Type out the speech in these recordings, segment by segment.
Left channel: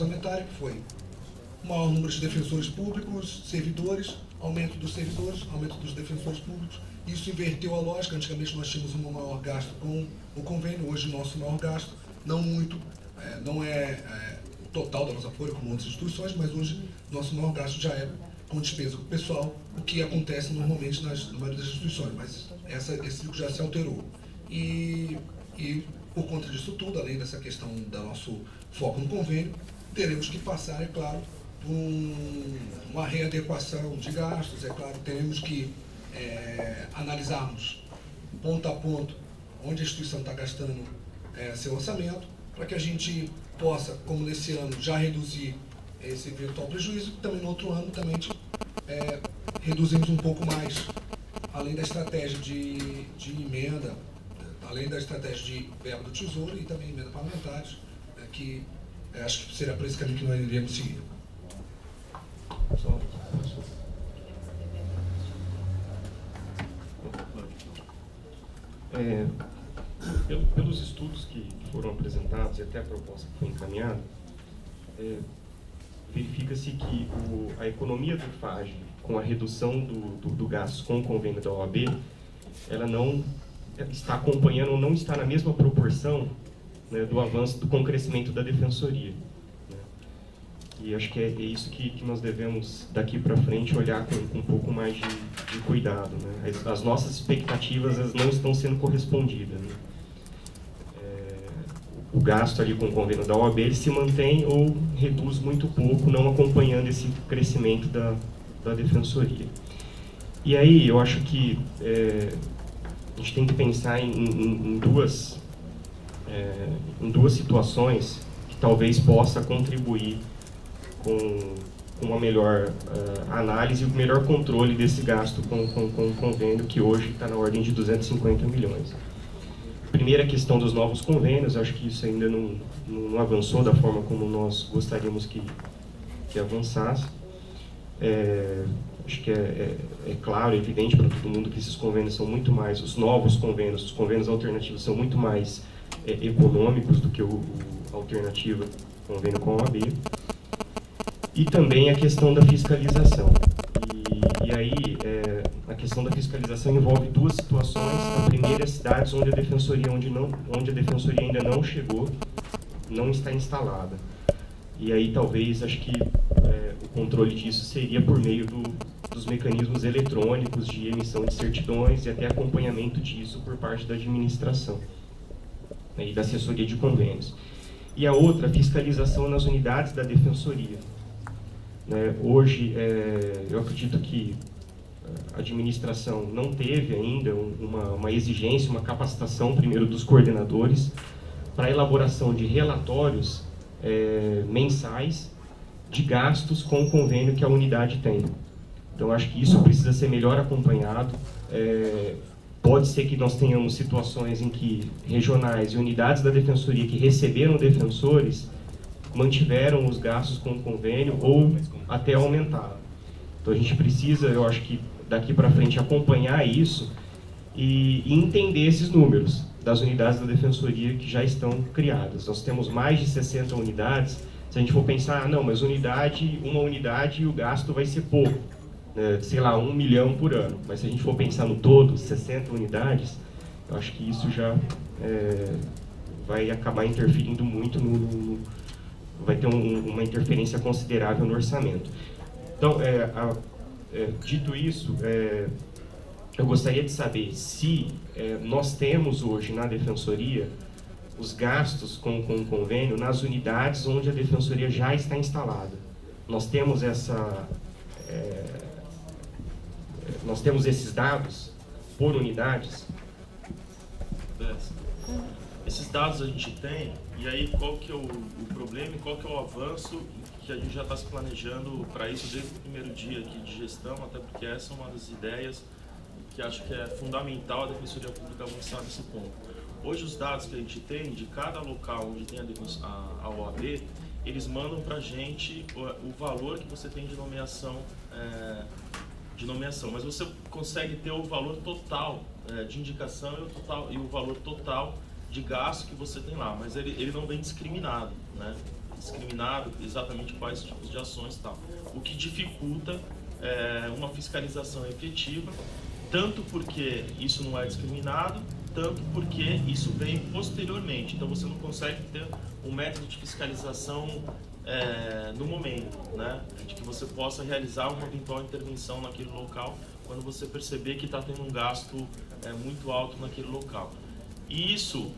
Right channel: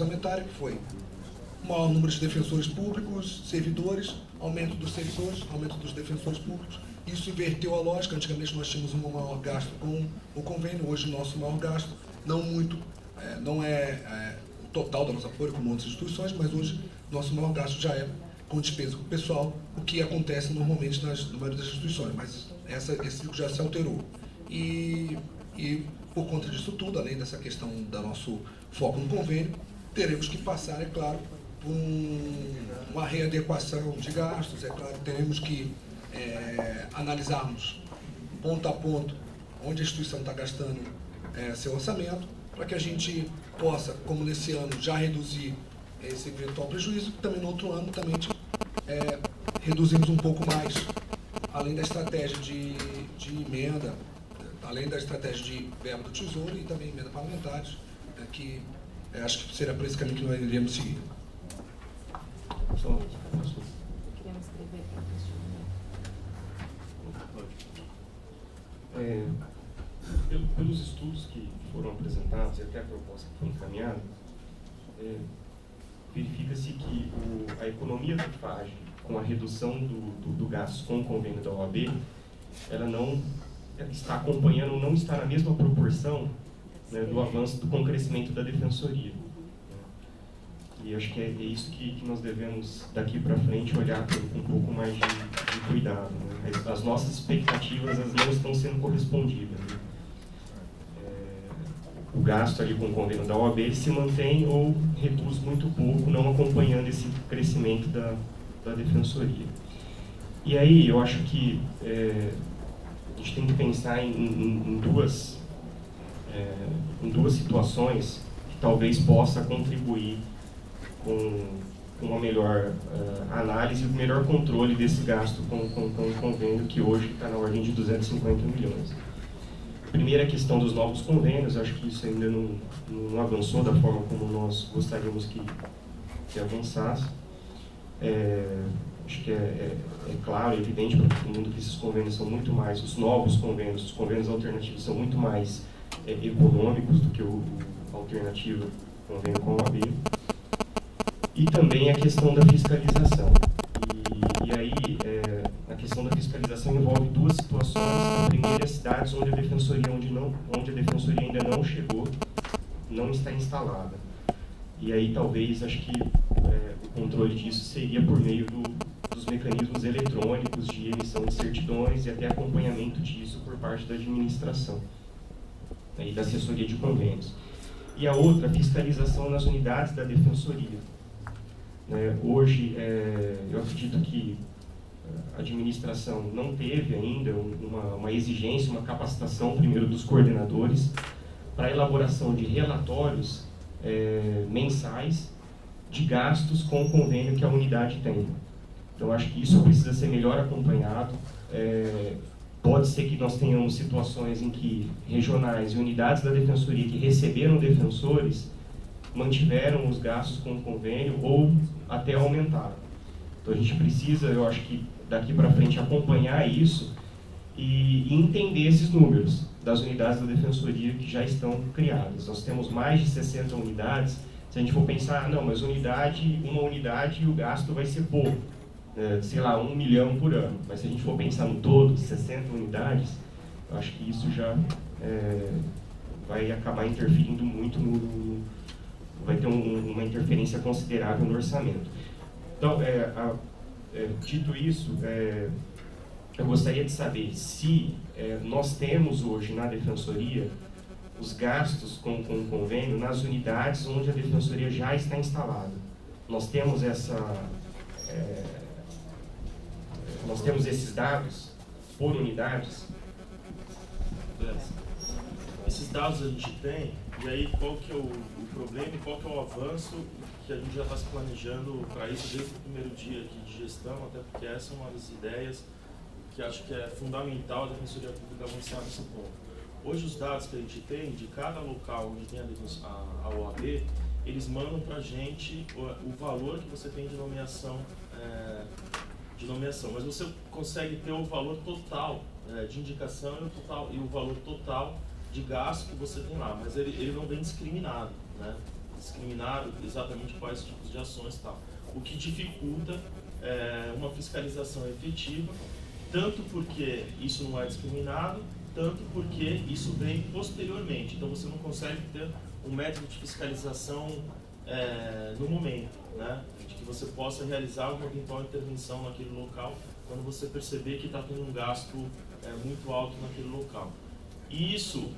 orçamentária, que foi maior número de defensores públicos, servidores, aumento dos servidores, aumento dos defensores públicos. Isso inverteu a lógica. Antigamente nós tínhamos um maior gasto com o convênio, hoje o nosso maior gasto, não muito, não é o total da nossa folha, como outras instituições, mas hoje nosso maior gasto já é com despesa com o pessoal, o que acontece normalmente na maioria das instituições, mas esse ciclo já se alterou. E por conta disso tudo, além dessa questão do nosso foco no convênio, teremos que passar, é claro, por uma readequação de gastos, é claro, teremos que analisarmos ponto a ponto onde a instituição está gastando seu orçamento, para que a gente possa, como nesse ano, já reduzir esse eventual prejuízo, e também no outro ano também reduzimos um pouco mais, além da estratégia de emenda, além da estratégia de verba do Tesouro e também emenda parlamentares, que acho que será por esse caminho que nós iremos seguir. Pelos estudos que foram apresentados e até a proposta que foi encaminhada, verifica-se que a economia do FAGE, com a redução do gasto com o convênio da OAB, ela não está acompanhando, não está na mesma proporção, né, do avanço com o crescimento da defensoria. E acho que é isso que nós devemos, daqui para frente, olhar com um pouco mais de cuidado, né? As nossas expectativas não estão sendo correspondidas, né? O gasto ali com o convênio da OAB ele se mantém ou reduz muito pouco, não acompanhando esse crescimento da defensoria. E aí eu acho que a gente tem que pensar em duas situações que talvez possa contribuir com uma melhor análise e o melhor controle desse gasto com o convênio, que hoje está na ordem de 250 milhões. Primeira questão dos novos convênios, acho que isso ainda não avançou da forma como nós gostaríamos que avançasse. Acho que é claro, é evidente para todo mundo que esses convênios são muito mais, os novos convênios, os convênios alternativos são muito mais econômicos do que o alternativo convênio com a OAB. E também a questão da fiscalização. E aí, a questão da fiscalização envolve duas situações. A primeira é cidades onde a defensoria ainda não chegou, não está instalada. E aí, talvez, acho que o controle disso seria por meio dos mecanismos eletrônicos de emissão de certidões e até acompanhamento disso por parte da administração, né, e da assessoria de convênios. E a outra, a fiscalização nas unidades da defensoria. Hoje, eu acredito que a administração não teve ainda uma exigência, uma capacitação, primeiro, dos coordenadores para a elaboração de relatórios mensais de gastos com o convênio que a unidade tem. Então, acho que isso precisa ser melhor acompanhado. Pode ser que nós tenhamos situações em que regionais e unidades da defensoria que receberam defensores mantiveram os gastos com o convênio ou até aumentaram. Então a gente precisa, eu acho que daqui para frente, acompanhar isso e entender esses números das unidades da defensoria que já estão criadas. Nós temos mais de 60 unidades. Se a gente for pensar, não, mas uma unidade, o gasto vai ser pouco, né? Sei lá, 1 milhão por ano. Mas se a gente for pensar no todo, 60 unidades, eu acho que isso já vai acabar interferindo muito vai ter uma interferência considerável no orçamento. Então, dito isso, eu gostaria de saber se nós temos hoje na Defensoria os gastos com o convênio nas unidades onde a Defensoria já está instalada. Nós temos nós temos esses dados por unidades? Esses dados a gente tem, e aí qual que é o problema e qual que é o avanço que a gente já está se planejando para isso desde o primeiro dia aqui de gestão, até porque essa é uma das ideias que acho que é fundamental a Defensoria Pública avançar nesse ponto. Hoje os dados que a gente tem de cada local onde tem a OAB, eles mandam para a gente o valor que você tem de nomeação, mas você consegue ter o valor total de indicação e o valor total de gasto que você tem lá, mas ele não vem discriminado, né? discriminado exatamente quais tipos de ações e tal. O que dificulta uma fiscalização efetiva, tanto porque isso não é discriminado, tanto porque isso vem posteriormente. Então você não consegue ter um método de fiscalização no momento, né? De que você possa realizar uma eventual intervenção naquele local quando você perceber que está tendo um gasto muito alto naquele local. E isso,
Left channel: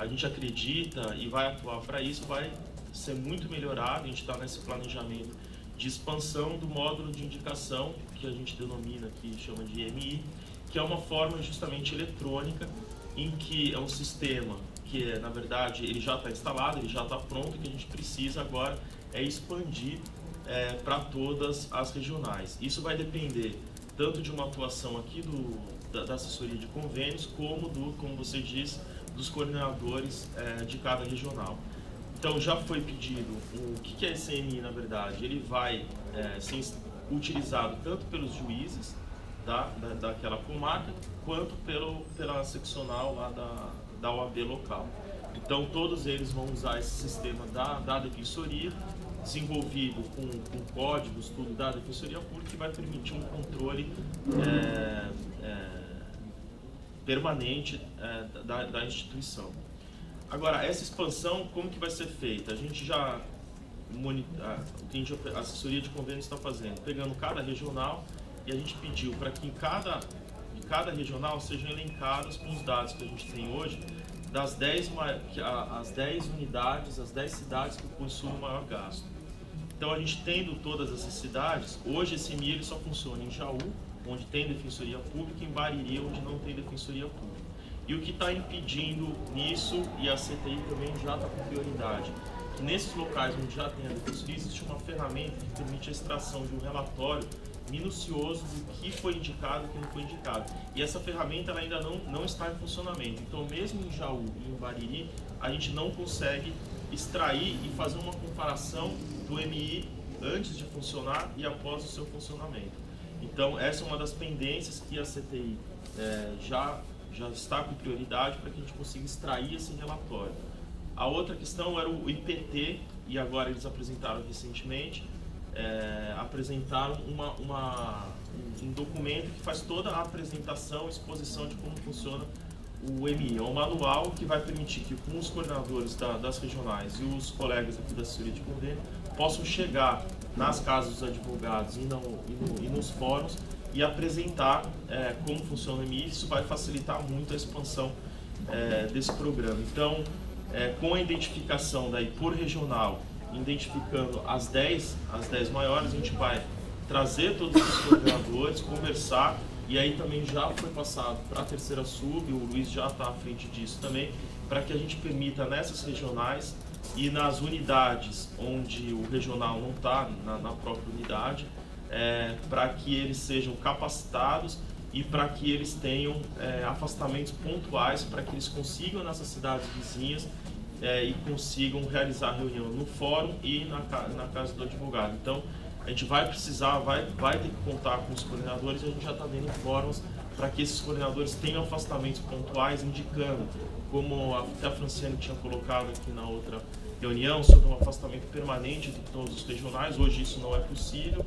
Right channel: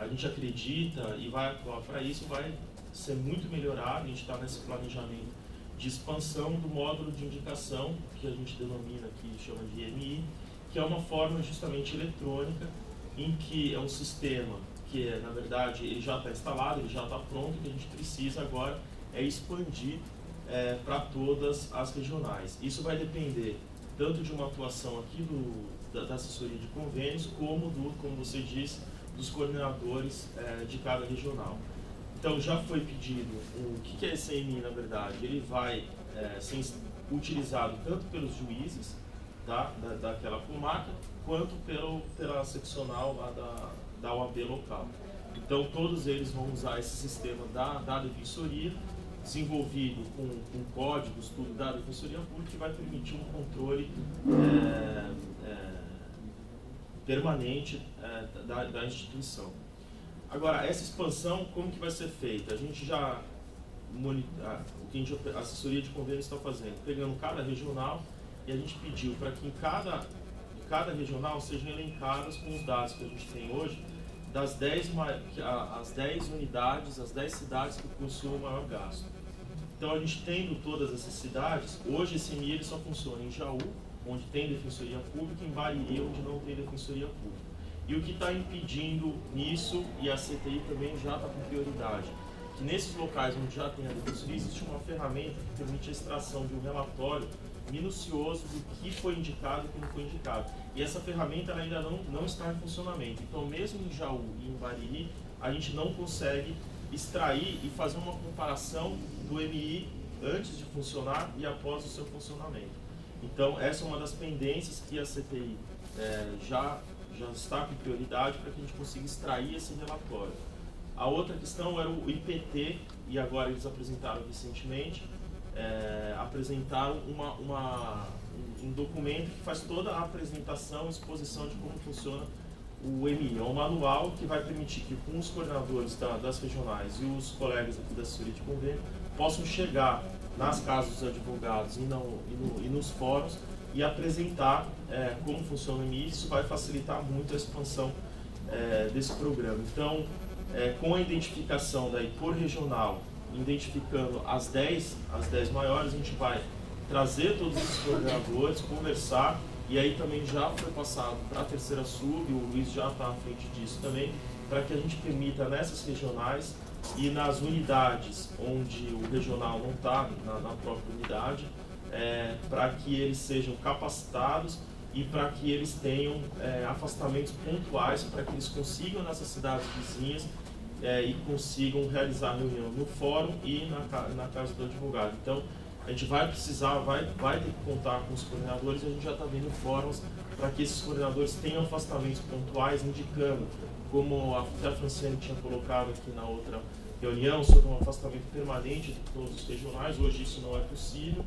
a gente acredita e vai atuar para isso, vai ser muito melhorado. A gente está nesse planejamento de expansão do módulo de indicação, que a gente denomina aqui, chama de EMI, que é uma forma justamente eletrônica, em que é um sistema que, na verdade, ele já está instalado, ele já está pronto, e que a gente precisa agora expandir para todas as regionais. Isso vai depender tanto de uma atuação aqui da assessoria de convênios, como você disse, dos coordenadores de cada regional. Então já foi pedido, o que é esse EMI na verdade? Ele vai ser utilizado tanto pelos juízes daquela comarca, quanto pela seccional lá da OAB local. Então todos eles vão usar esse sistema da defensoria, desenvolvido com códigos, tudo da defensoria pública, que vai permitir um controle permanente da instituição. Agora, essa expansão, como que vai ser feita? A gente já, o que a assessoria de convênios está fazendo, pegando cada regional, e a gente pediu para que de cada regional sejam elencadas com os dados que a gente tem hoje, as 10 unidades, as 10 cidades que possuem o maior gasto. Então, a gente tendo todas essas cidades, hoje esse EMI ele só funciona em Jaú, onde tem defensoria pública, e em Bariri, onde não tem defensoria pública. E o que está impedindo isso, e a CTI também já está com prioridade, que nesses locais onde já tem a defensoria, existe uma ferramenta que permite a extração de um relatório minucioso do que foi indicado e o que não foi indicado. E essa ferramenta ela ainda não está em funcionamento. Então, mesmo em Jaú e em Bariri, a gente não consegue extrair e fazer uma comparação do MI antes de funcionar e após o seu funcionamento. Então, essa é uma das pendências que a CTI já está com prioridade para que a gente consiga extrair esse relatório. A outra questão era o IPT, e agora eles apresentaram recentemente, apresentaram um documento que faz toda a apresentação, exposição de como funciona o EMI. É um manual que vai permitir que com os coordenadores das regionais e os colegas aqui da assessoria de convênio possam chegar nas casas dos advogados e nos fóruns e apresentar como funciona o EMI. Isso vai facilitar muito a expansão desse programa. Então, com a identificação daí por regional, identificando as 10 maiores, a gente vai trazer todos os coordenadores, conversar, e aí também já foi passado para a terceira sub, o Luiz já está à frente disso também, para que a gente permita nessas regionais e nas unidades onde o regional não está na própria unidade, para que eles sejam capacitados e para que eles tenham afastamentos pontuais, para que eles consigam nessas cidades vizinhas e consigam realizar a reunião no fórum e na casa do advogado. Então, a gente vai precisar, vai ter que contar com os coordenadores, e a gente já está vendo fóruns para que esses coordenadores tenham afastamentos pontuais, indicando, como até a Franciane tinha colocado aqui na outra reunião, sobre um afastamento permanente de todos os regionais. Hoje isso não é possível,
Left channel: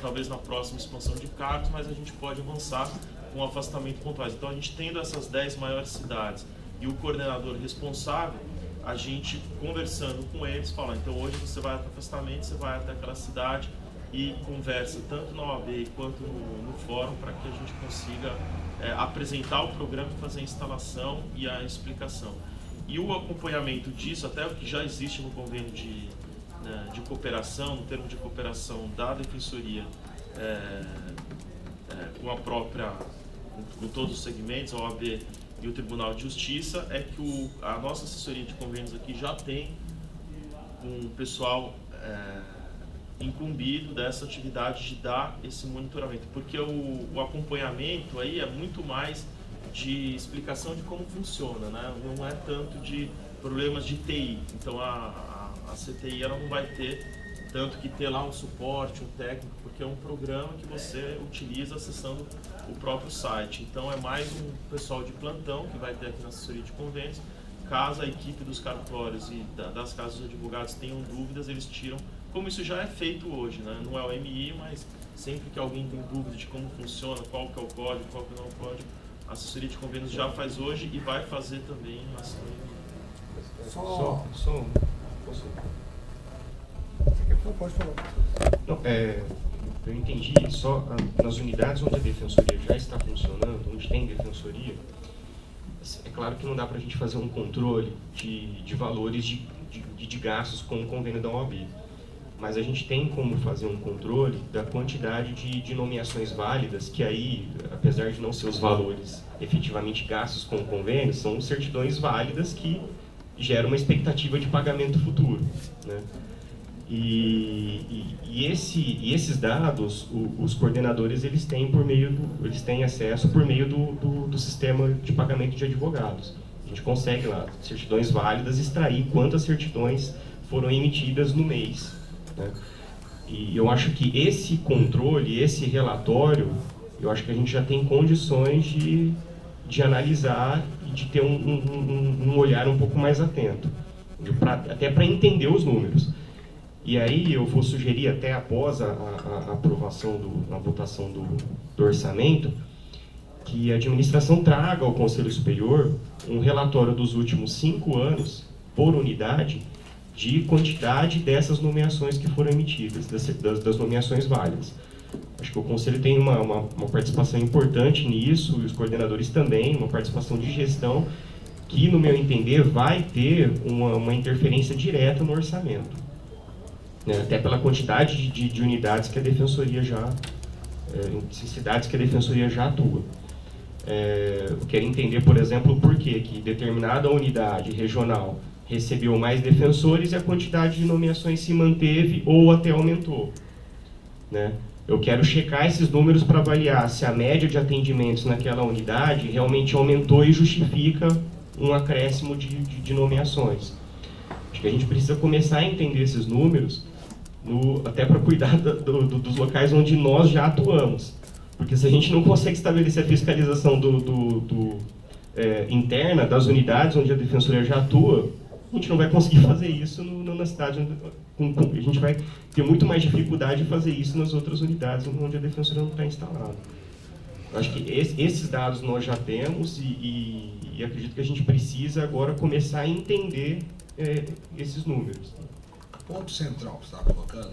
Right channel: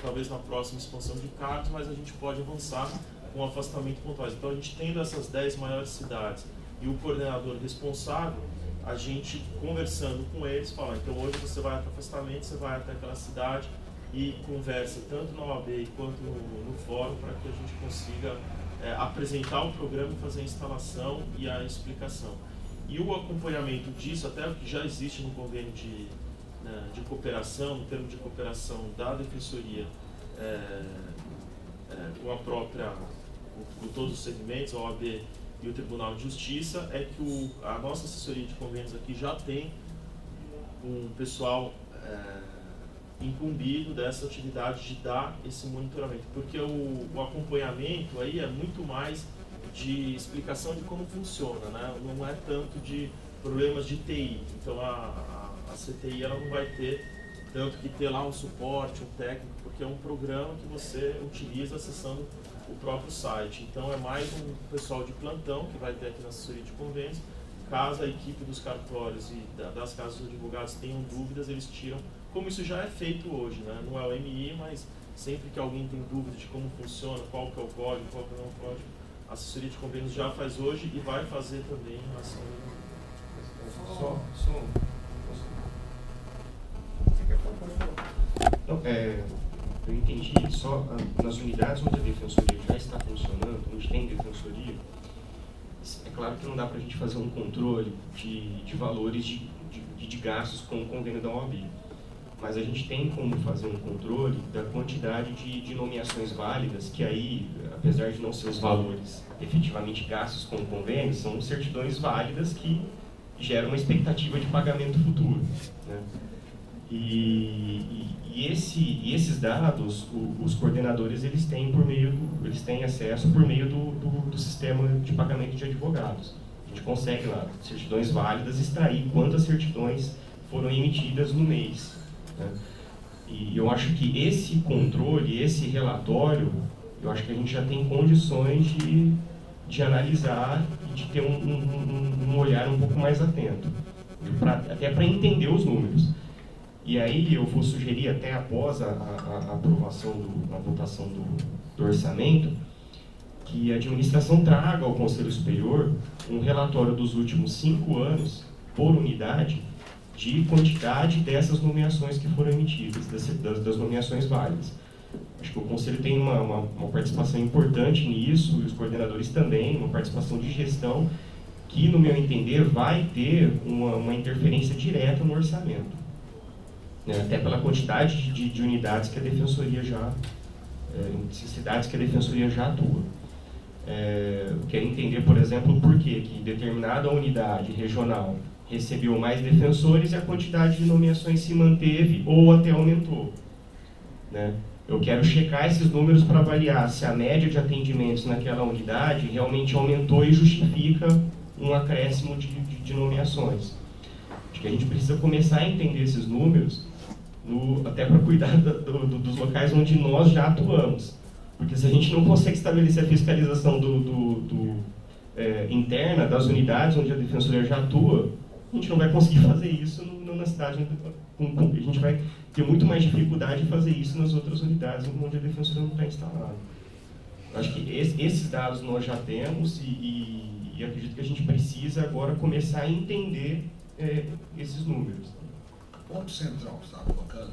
talvez na próxima expansão de cargos, mas a gente pode avançar com afastamento pontuais. Então, a gente tendo essas 10 maiores cidades e o coordenador responsável, a gente conversando com eles, fala, então hoje você vai até afastamento, você vai até aquela cidade e conversa tanto na OAB quanto no fórum, para que a gente consiga apresentar o programa e fazer a instalação e a explicação. E o acompanhamento disso, até o que já existe no convênio de cooperação, no termo de cooperação da Defensoria com todos os segmentos, a OAB e o Tribunal de Justiça, é que a nossa assessoria de convênios aqui já tem um pessoal incumbido dessa atividade de dar esse monitoramento, porque o acompanhamento aí é muito mais de explicação de como funciona, né? Não é tanto de problemas de TI. Então a CTI ela não vai ter tanto que ter lá um suporte, um técnico, porque é um programa que você utiliza acessando o próprio site. Então é mais um pessoal de plantão que vai ter aqui na assessoria de convênios, caso a equipe dos cartórios e das casas de advogados tenham dúvidas, eles tiram, como isso já é feito hoje, né? Não é o MI, mas sempre que alguém tem dúvida de como funciona, qual que é o código, qual que não é o código, a assessoria de convênios já faz hoje e vai fazer também na ação. Você quer falar? Pode falar. Não, eu entendi, só nas unidades onde a defensoria já está funcionando, onde tem defensoria, é claro que não dá para a gente fazer um controle de valores de gastos com o convênio da OAB, mas a gente tem como fazer um controle da quantidade de nomeações válidas, que aí, apesar de não ser os valores efetivamente gastos com o convênio, são certidões válidas que geram uma expectativa de pagamento futuro, né? E esses dados, os coordenadores eles têm acesso por meio do sistema de pagamento de advogados. A gente consegue lá, certidões válidas, extrair quantas certidões foram emitidas no mês, né? E eu acho que esse controle, esse relatório, eu acho que a gente já tem condições de analisar e de ter um olhar um pouco mais atento, até para entender os números. E aí eu vou sugerir, até após a aprovação, a votação do orçamento, que a administração traga ao Conselho Superior um relatório dos últimos 5 anos, por unidade, de quantidade dessas nomeações que foram emitidas, das nomeações válidas. Acho que o Conselho tem uma participação importante nisso, e os coordenadores também, uma participação de gestão, que, no meu entender, vai ter uma interferência direta no orçamento. Até pela quantidade de unidades que a Defensoria cidades que a Defensoria já atua. Eu quero entender, por exemplo, por que determinada unidade regional recebeu mais defensores e a quantidade de nomeações se manteve ou até aumentou, né? Eu quero checar esses números para avaliar se a média de atendimentos naquela unidade realmente aumentou e justifica um acréscimo de nomeações. Acho que a gente precisa começar a entender esses números, até para cuidar dos locais onde nós já atuamos. Porque se a gente não consegue estabelecer a fiscalização interna das unidades onde a Defensoria já atua, a gente não vai conseguir fazer isso na cidade. A gente vai ter muito mais dificuldade de fazer isso nas outras unidades onde a Defensoria não está instalada. Eu acho que esses dados nós já temos e acredito que a gente precisa agora começar a entender esses números. O ponto central que você está colocando,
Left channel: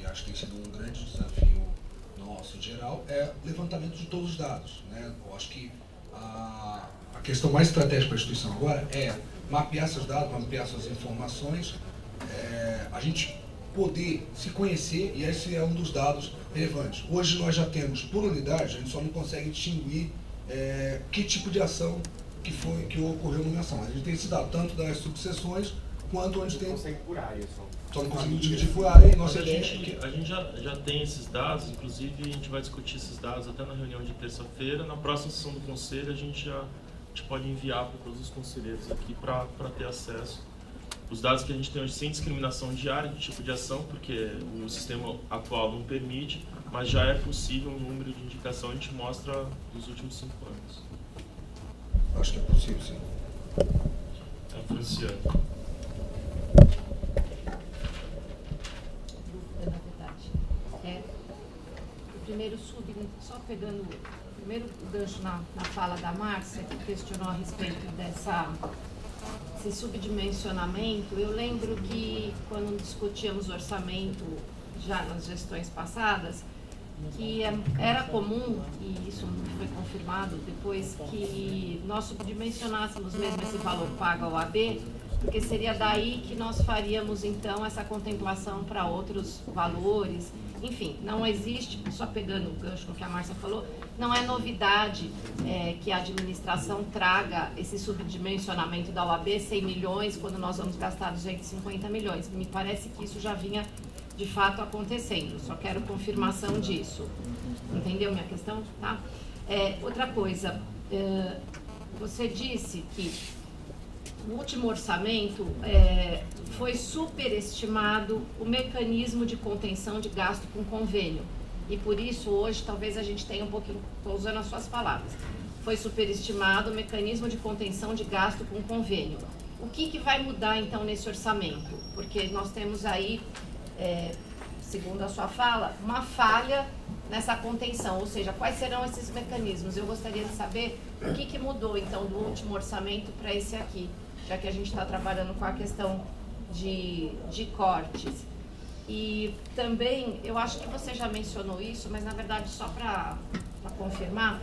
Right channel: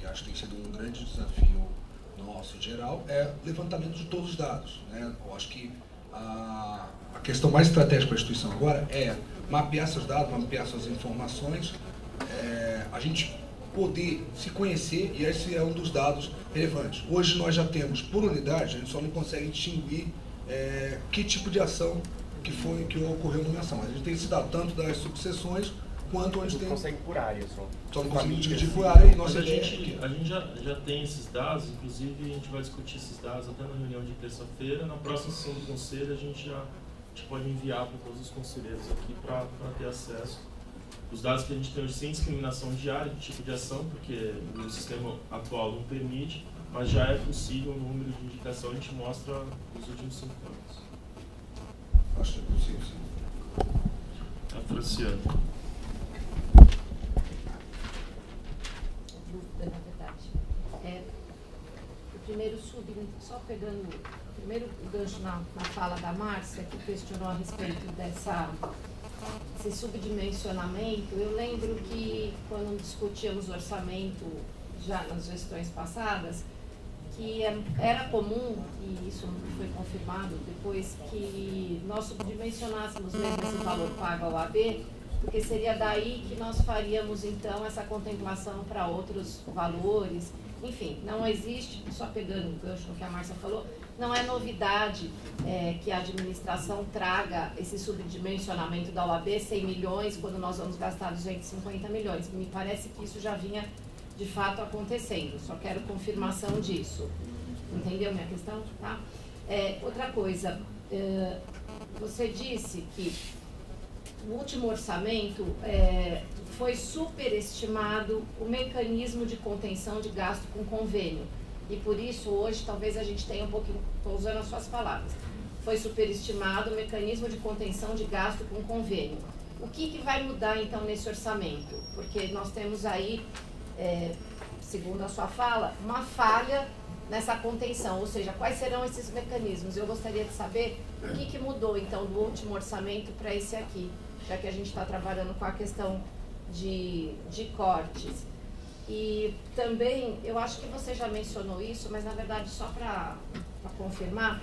e acho que tem sido um grande desafio nosso em geral, é o levantamento de todos os dados, né? Eu acho que a questão mais estratégica para a instituição agora é mapear seus dados, mapear suas informações, a gente poder se conhecer, e esse é um dos dados relevantes. Hoje nós já temos, por unidade, a gente só não consegue distinguir que tipo de ação que ocorreu numa ação. A gente tem esse dado tanto das subseções quanto onde tem... consegue por área só. Só não consegue dividir por área e nossa ideia a gente já tem esses dados, inclusive a gente vai discutir esses dados até na reunião de terça-feira. Na próxima sessão do Conselho a gente pode enviar para todos os conselheiros aqui para ter acesso. Os dados que a gente tem hoje sem discriminação de área, de tipo de ação, porque o sistema atual não permite, mas já é possível um número de indicação, a gente mostra nos últimos 5 anos. Acho que é possível, sim. Franciano. Dúvida, na verdade. Só pegando o primeiro gancho na fala da Márcia, que questionou a respeito desse subdimensionamento. Eu lembro que quando discutíamos o orçamento já nas gestões passadas, que era comum, e isso foi confirmado depois, que nós subdimensionássemos mesmo esse valor pago ao AB, porque seria daí que nós faríamos então essa contemplação para outros valores. Enfim, não existe, só pegando o gancho no que a Márcia falou, não é novidade que a administração traga esse subdimensionamento da OAB, 100 milhões, quando nós vamos gastar 250 milhões. Me parece que isso já vinha de fato acontecendo, só quero confirmação disso. Entendeu minha questão? Tá? Outra coisa, você disse que no último orçamento foi superestimado o mecanismo de contenção de gasto com convênio. E por isso hoje talvez a gente tenha um pouquinho, estou usando as suas palavras, foi superestimado o mecanismo de contenção de gasto com convênio. O que vai mudar, então, nesse orçamento? Porque nós temos aí, segundo a sua fala, uma falha nessa contenção, ou seja, quais serão esses mecanismos? Eu gostaria de saber o que mudou, então, do último orçamento para esse aqui, já que a gente está trabalhando com a questão de cortes. E também, eu acho que você já mencionou isso, mas na verdade, só para confirmar,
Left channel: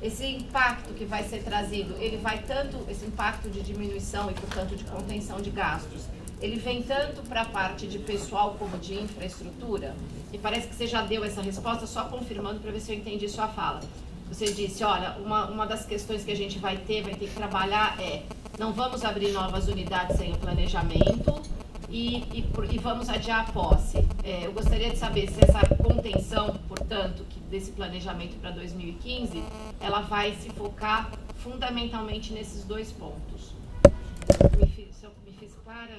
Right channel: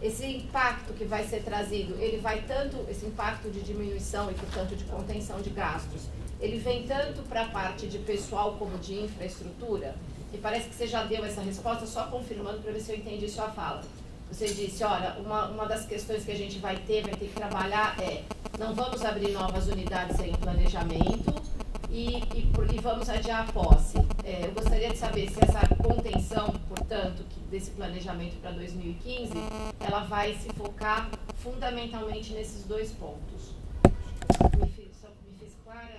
esse impacto que vai ser trazido, ele vai tanto, esse impacto de diminuição e, portanto, de contenção de gastos, ele vem tanto para a parte de pessoal como de infraestrutura? E parece que você já deu essa resposta, só confirmando para ver se eu entendi sua fala. Você disse, olha, uma das questões que a gente vai ter que trabalhar não vamos abrir novas unidades sem o planejamento e vamos adiar a posse. Eu gostaria de saber se essa contenção, portanto, desse planejamento para 2015, ela vai se focar fundamentalmente nesses dois pontos. Me fiz clara?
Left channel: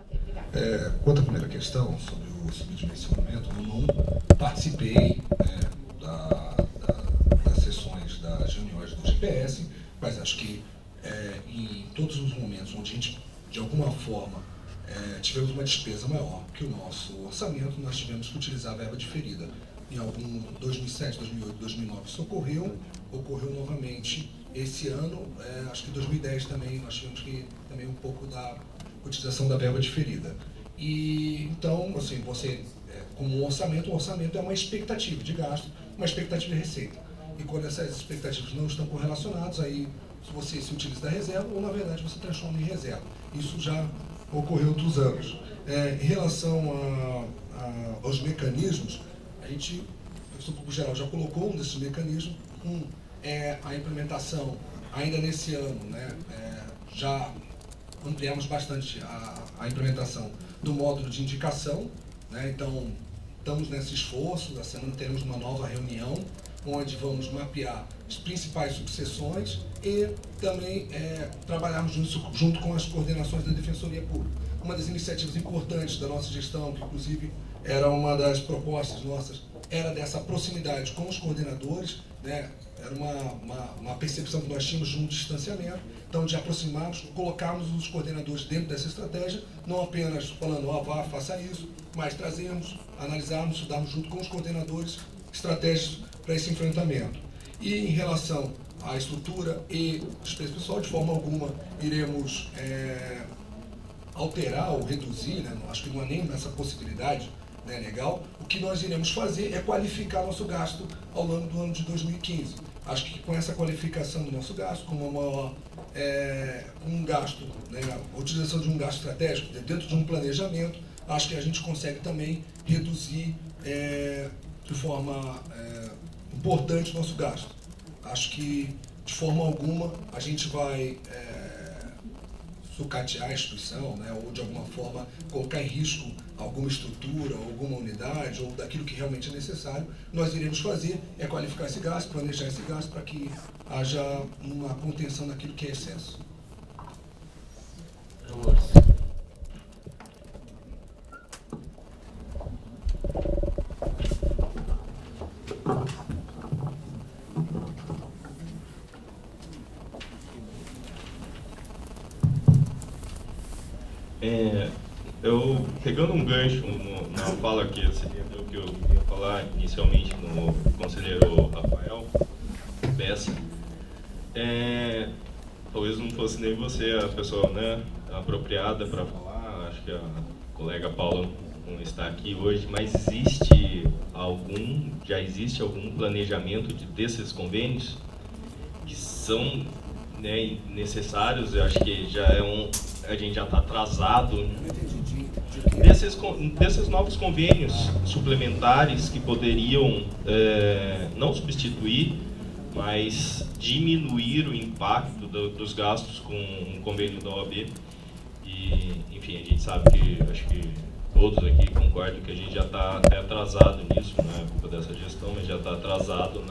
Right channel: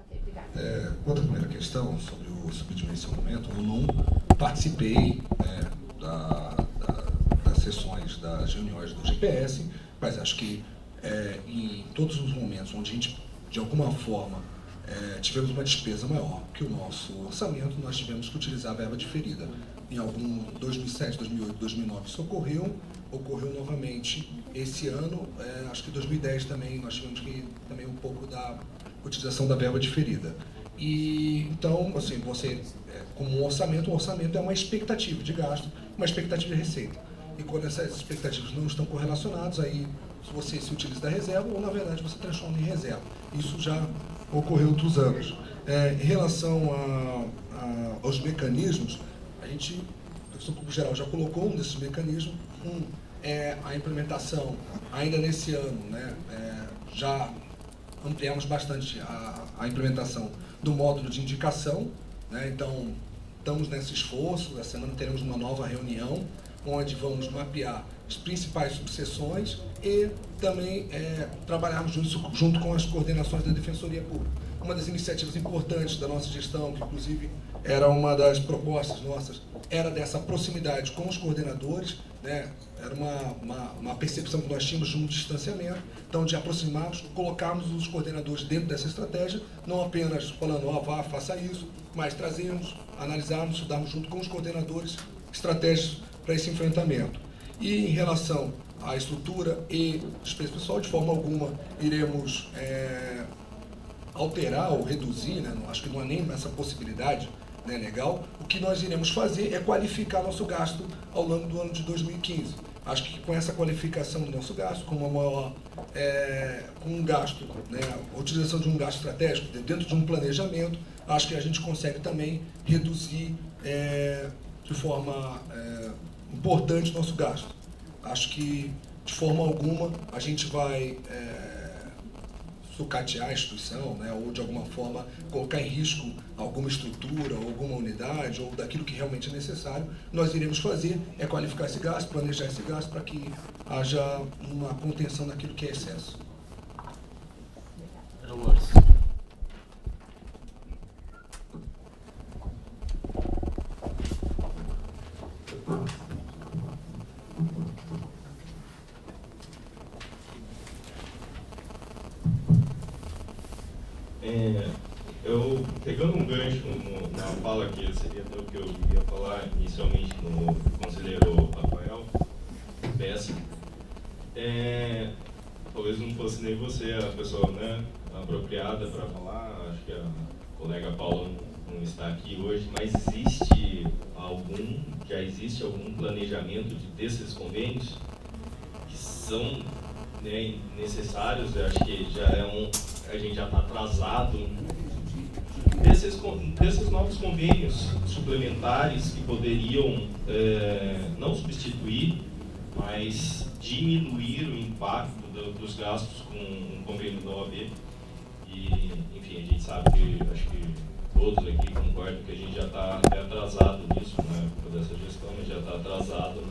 Ok, obrigada. Quanto à primeira questão, sobre o subdimensionamento, eu não participei das sessões, das reuniões do GPS, mas acho que em todos os momentos onde a gente, de alguma forma, tivemos uma despesa maior que o nosso orçamento, nós tivemos que utilizar a verba diferida. Em algum 2007, 2008, 2009 isso ocorreu novamente esse ano, acho que em 2010 também nós tivemos que também um pouco da utilização da verba diferida. E então, assim, você, como um orçamento é uma expectativa de gasto, uma expectativa de receita. E quando essas expectativas não estão correlacionadas, aí você se utiliza da reserva ou, na verdade, você transforma em reserva. Isso já ocorreu outros anos. Em relação aos mecanismos, a gente, o professor Público Geral já colocou um desses mecanismos. É a implementação, ainda nesse ano, né, já ampliamos bastante a implementação do módulo de indicação, né, então estamos nesse esforço. Essa semana teremos uma nova reunião, onde vamos mapear as principais subseções e também trabalharmos junto com as coordenações da Defensoria Pública. Uma das iniciativas importantes da nossa gestão, que inclusive era uma das propostas nossas, era dessa proximidade com os coordenadores, né? Era uma percepção que nós tínhamos de um distanciamento, então de aproximarmos, colocarmos os coordenadores dentro dessa estratégia, não apenas falando, vá, faça isso, mas trazermos, analisarmos, estudarmos junto com os coordenadores estratégias para esse enfrentamento. E em relação à estrutura e despesa pessoal, de forma alguma iremos alterar ou reduzir, né? Acho que não há nem essa possibilidade, né, legal. O que nós iremos fazer é qualificar nosso gasto ao longo do ano de 2015. Acho que com essa qualificação do nosso gasto, com uma maior, um gasto, né, a utilização de um gasto estratégico dentro de um planejamento, acho que a gente consegue também reduzir de forma importante o nosso gasto. Acho que, de forma alguma, a gente vai sucatear a instituição, né, ou de alguma forma colocar em risco alguma estrutura, alguma unidade, ou daquilo que realmente é necessário. Nós iremos fazer qualificar esse gasto, planejar esse gasto para que haja uma contenção daquilo que é excesso. Eu, pegando um gancho na fala que seria o que eu ia falar inicialmente no conselheiro Rafael Bessa, talvez não fosse nem você a pessoa, né, apropriada para falar, acho que a colega Paula não está aqui hoje, mas já existe algum planejamento desses convênios que são, né, necessários? Eu acho que a gente já está atrasado desses novos convênios suplementares que poderiam não substituir, mas diminuir o impacto dos gastos com o convênio da OAB. E, enfim, a gente sabe que, acho que todos aqui concordam que a gente já está até atrasado nisso, na época dessa gestão, a gente já está atrasado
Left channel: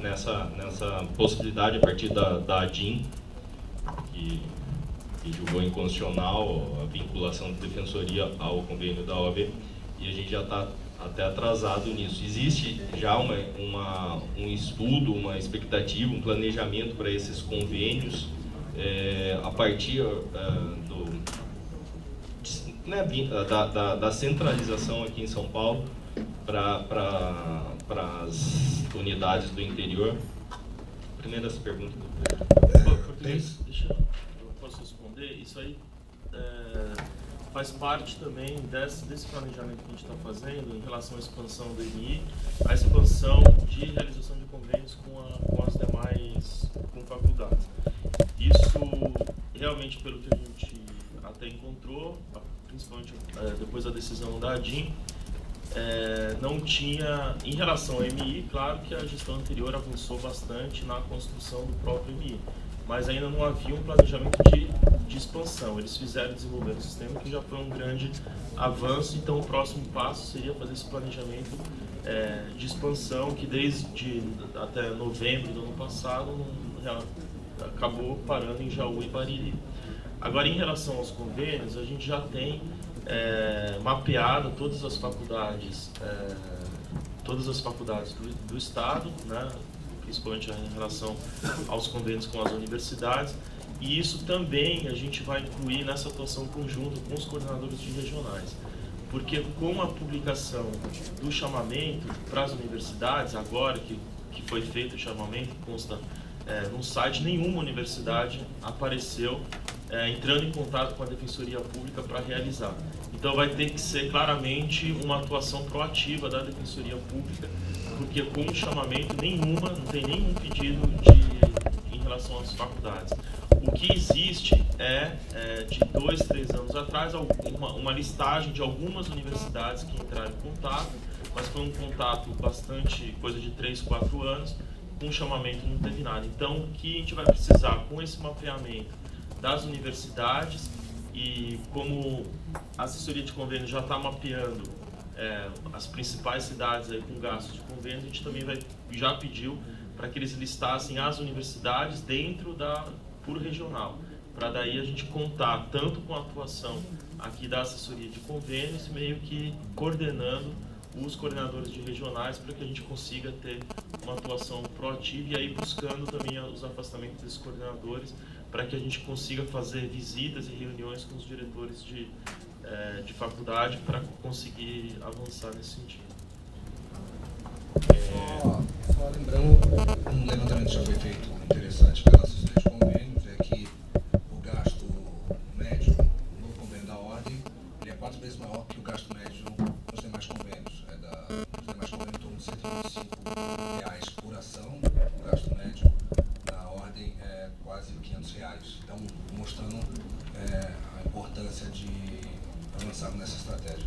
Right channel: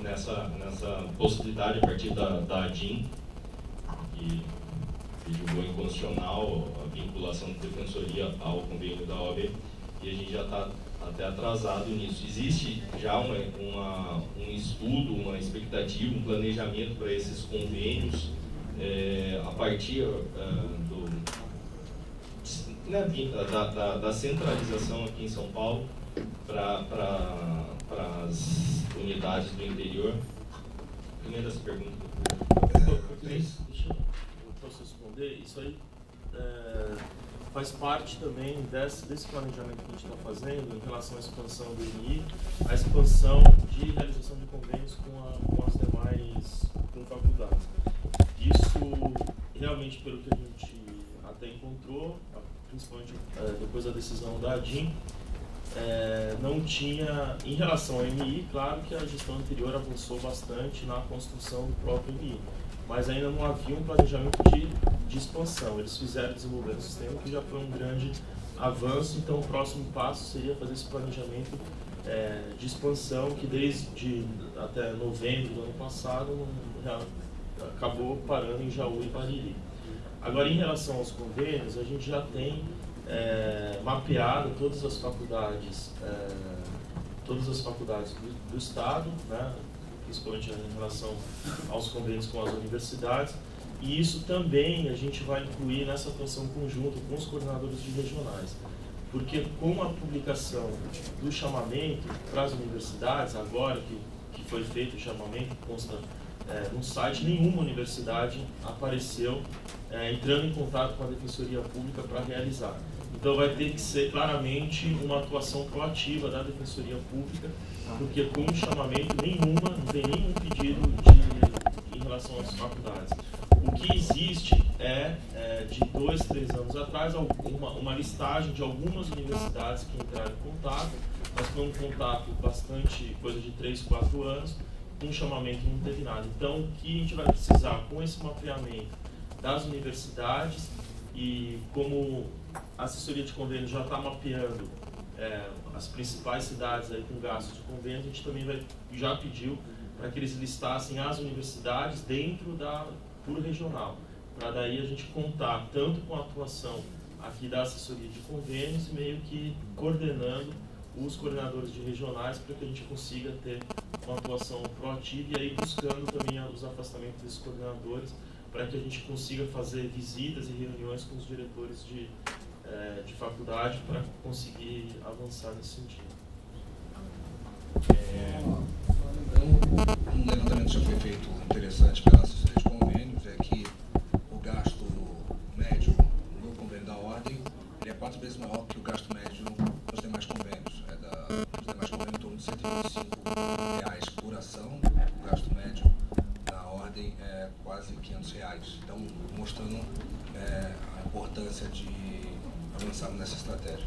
nessa possibilidade a partir da ADIM, que julgou inconstitucional a vinculação de defensoria ao convênio da OAB, e a gente já está até atrasado nisso. Existe já um estudo, uma expectativa, um planejamento para esses convênios a partir da centralização aqui em São Paulo para as unidades do interior. Primeiro essa pergunta. Deixa eu posso responder. Isso aí faz parte também desse planejamento que a gente está fazendo em relação à expansão do INI, a expansão de realização de convênios com as demais faculdades. Isso realmente, pelo que a gente até encontrou, principalmente depois da decisão da ADIM, não tinha, em relação ao MI, claro que a gestão anterior avançou bastante na construção do próprio MI, mas ainda não havia um planejamento de expansão. Eles desenvolver um sistema que já foi um grande avanço, então o próximo passo seria fazer esse planejamento de expansão, que desde até novembro do ano passado acabou parando em Jaú e Bariri. Agora, em relação aos convênios, a gente já tem mapeado todas as faculdades do Estado, né, principalmente em relação aos convênios com as universidades, e isso também a gente vai incluir nessa atuação conjunta com os coordenadores de regionais, porque com a publicação do chamamento para as universidades, agora que foi feito o chamamento, consta no site, nenhuma universidade apareceu entrando em contato com a Defensoria Pública para realizar. Então vai ter que ser claramente uma atuação proativa da Defensoria Pública, porque com o chamamento não tem nenhum pedido em relação às faculdades. O que existe de 2, 3 anos atrás, uma listagem de algumas universidades que entraram em contato, mas foi um contato bastante, coisa de 3, 4 anos, com o chamamento não teve nada. Então, o que a gente vai precisar com esse mapeamento das universidades, e como a assessoria de convênio já está mapeando as principais cidades aí com gastos de convênio, a gente também já pediu para que eles listassem as universidades dentro por regional, para daí a gente contar tanto com a atuação aqui da assessoria de convênios, meio que coordenando os coordenadores de regionais para que a gente consiga ter uma atuação proativa e aí buscando também os afastamentos desses coordenadores para que a gente consiga fazer visitas e reuniões com os diretores de faculdade para conseguir avançar nesse sentido. Só lembrando, um levantamento já foi feito interessante pela assessoria de convênios, é que o gasto médio no convênio da Ordem ele é 4 vezes maior que o gasto médio nos demais convênios. Nos demais convênios, em torno de R$125 por ação, o gasto médio na Ordem é quase R$500. Então, mostrando a importância de avançarmos nessa estratégia.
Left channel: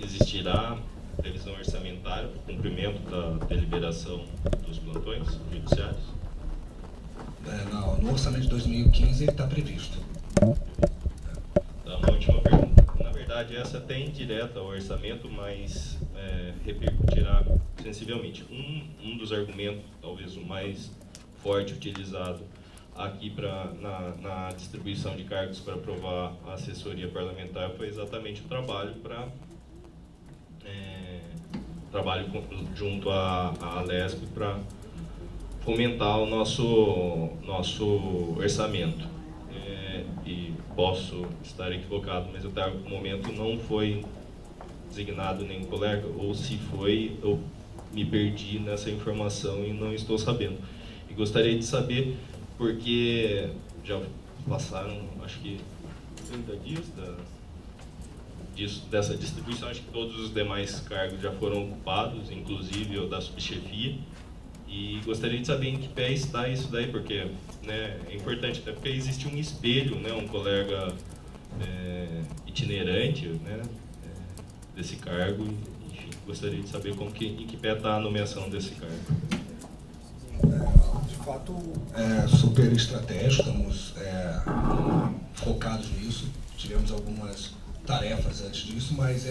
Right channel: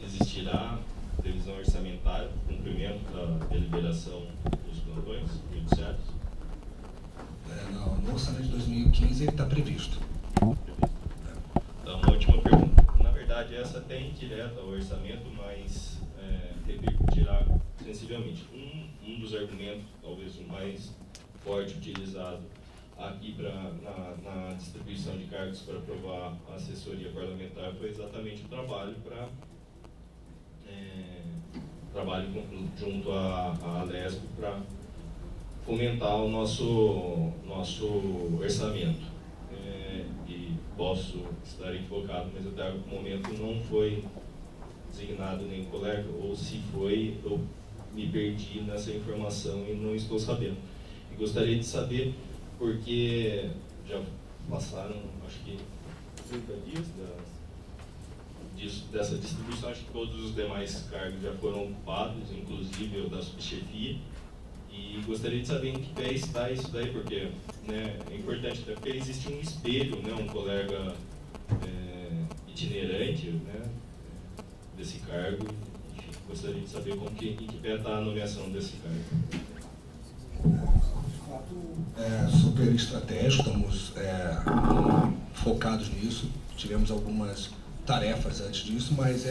Existirá previsão orçamentária para o cumprimento da deliberação dos plantões judiciários? No orçamento de 2015 ele está previsto. Então, uma última pergunta. Na verdade, essa até indireta ao orçamento, mas repercutirá sensivelmente. Um dos argumentos, talvez o mais forte utilizado aqui na distribuição de cargos para aprovar a assessoria parlamentar foi exatamente o trabalho junto à Alesp para fomentar o nosso orçamento. E posso estar equivocado, mas até o momento não foi designado nenhum colega, ou se foi, eu me perdi nessa informação e não estou sabendo. E gostaria de saber, porque já passaram, acho que 30 dias dessa distribuição, acho que todos os demais cargos já foram ocupados, inclusive o da subchefia, e gostaria de saber em que pé está isso daí, porque é importante, até porque existe um espelho, um colega itinerante desse cargo, enfim, gostaria de saber em que pé está a nomeação desse cargo. De fato, é super estratégico, estamos focados nisso, tivemos algumas tarefas antes disso, mas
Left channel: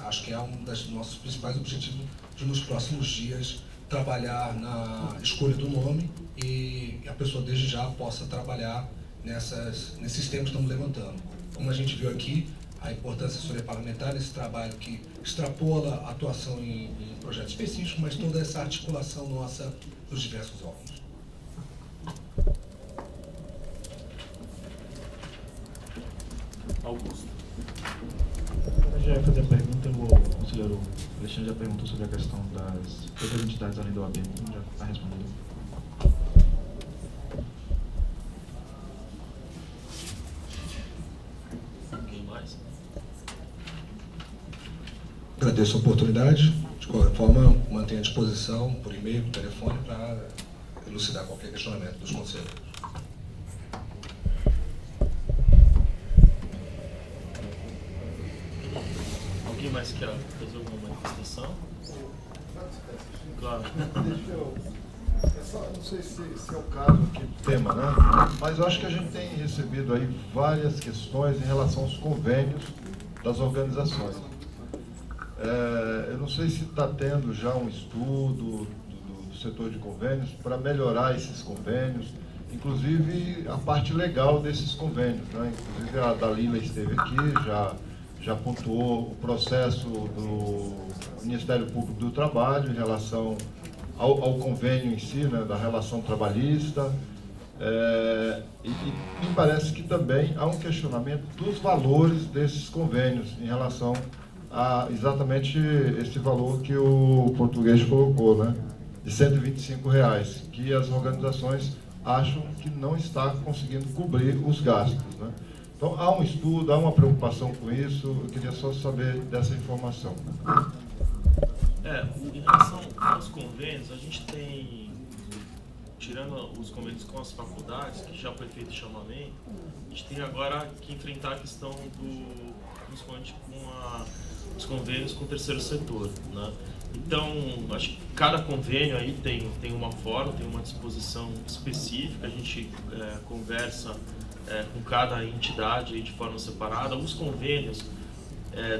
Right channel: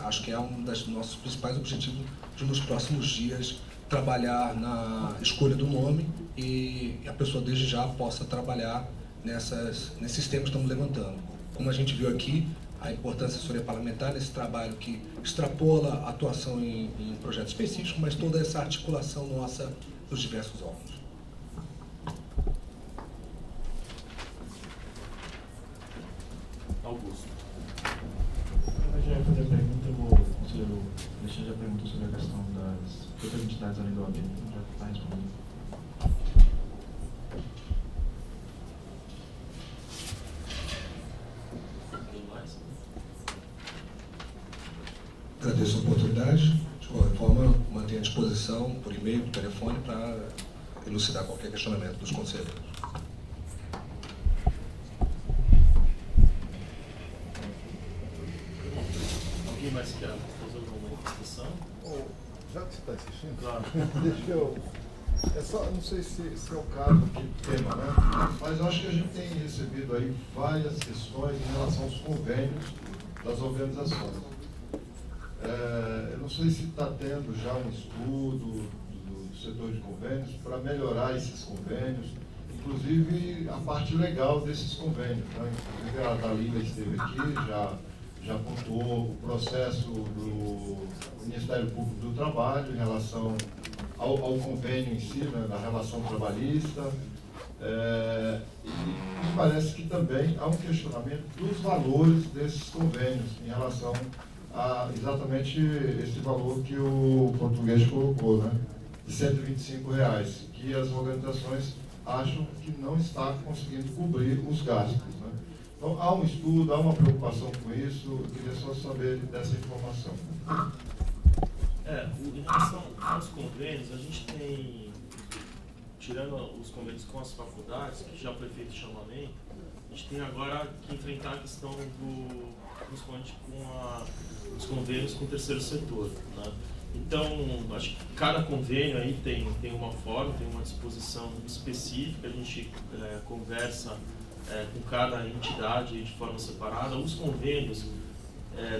acho que é um dos nossos principais objetivos de nos próximos dias trabalhar na escolha do nome e a pessoa desde já possa trabalhar nesses temas que estamos levantando. Como a gente viu aqui, a importância da assessoria parlamentar nesse trabalho que extrapola a atuação em projetos específicos, mas toda essa articulação nossa dos diversos órgãos. Augusto. Eu já ia fazer a pergunta, o conselheiro Alexandre já perguntou sobre a questão das outras entidades além da OAB, então já está respondido. Alguém mais? Agradeço a oportunidade. De qualquer forma, mantenho à disposição por e-mail, por telefone, para elucidar qualquer questionamento dos conselheiros. Alguém mais quer fazer alguma manifestação? Já que você está assistindo, Claro. deixa eu. É só, não sei se é o caso aqui do tema, né? Mas eu acho que a gente tem recebido aí várias questões em relação aos convênios das organizações. Eu não sei se está tendo já um estudo do setor de convênios para melhorar esses convênios, inclusive a parte legal desses convênios, né? Inclusive a Dalila esteve aqui, já pontuou o processo do Ministério Público do Trabalho em relação ao convênio em si, né, da relação trabalhista, e me parece que também há um questionamento dos valores desses convênios em relação a exatamente esse valor que o português colocou, né, de R$ 125, que as organizações acham que não está conseguindo cobrir os gastos, né? Então, há um estudo, há uma preocupação com isso, eu queria só saber dessa informação. Em relação aos convênios, a gente tem, tirando os convênios com as faculdades, que já foi feito chamamento, a gente tem agora que enfrentar a questão principalmente com os convênios com o terceiro setor, né? Então, acho que cada convênio aí tem uma forma, tem uma disposição específica, a gente conversa com cada entidade aí de forma separada. Os convênios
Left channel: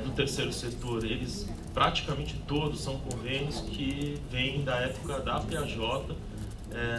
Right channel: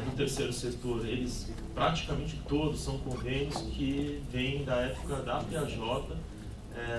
do terceiro setor, eles praticamente todos são convênios que vêm da época da PAJ,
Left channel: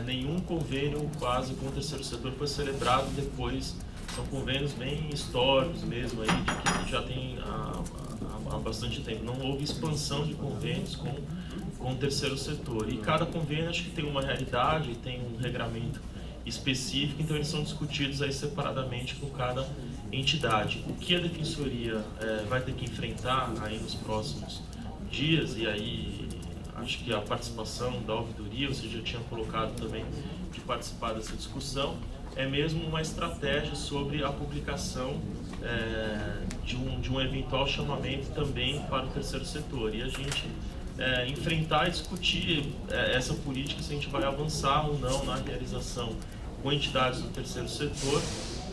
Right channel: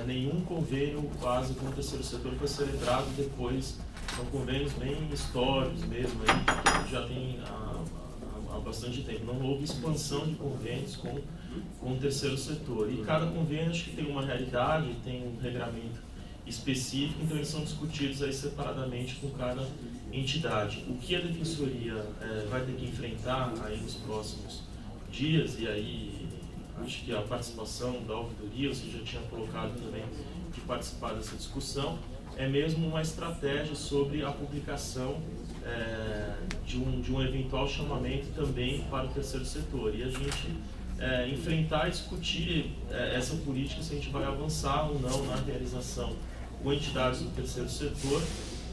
nenhum convênio quase com o terceiro setor foi celebrado depois, são convênios bem históricos mesmo, aí, que já tem há bastante tempo. Não houve expansão de convênios com o terceiro setor, e cada convênio acho que tem uma realidade, tem um regramento específico, então eles são discutidos aí separadamente com cada entidade. O que a Defensoria vai ter que enfrentar aí nos próximos dias, e aí acho que a participação da ouvidoria, você já tinha colocado também de participar dessa discussão, é mesmo uma estratégia sobre a publicação de um eventual chamamento também para o terceiro setor, e a gente enfrentar e discutir essa política, se a gente vai avançar ou não na realização com entidades do terceiro setor,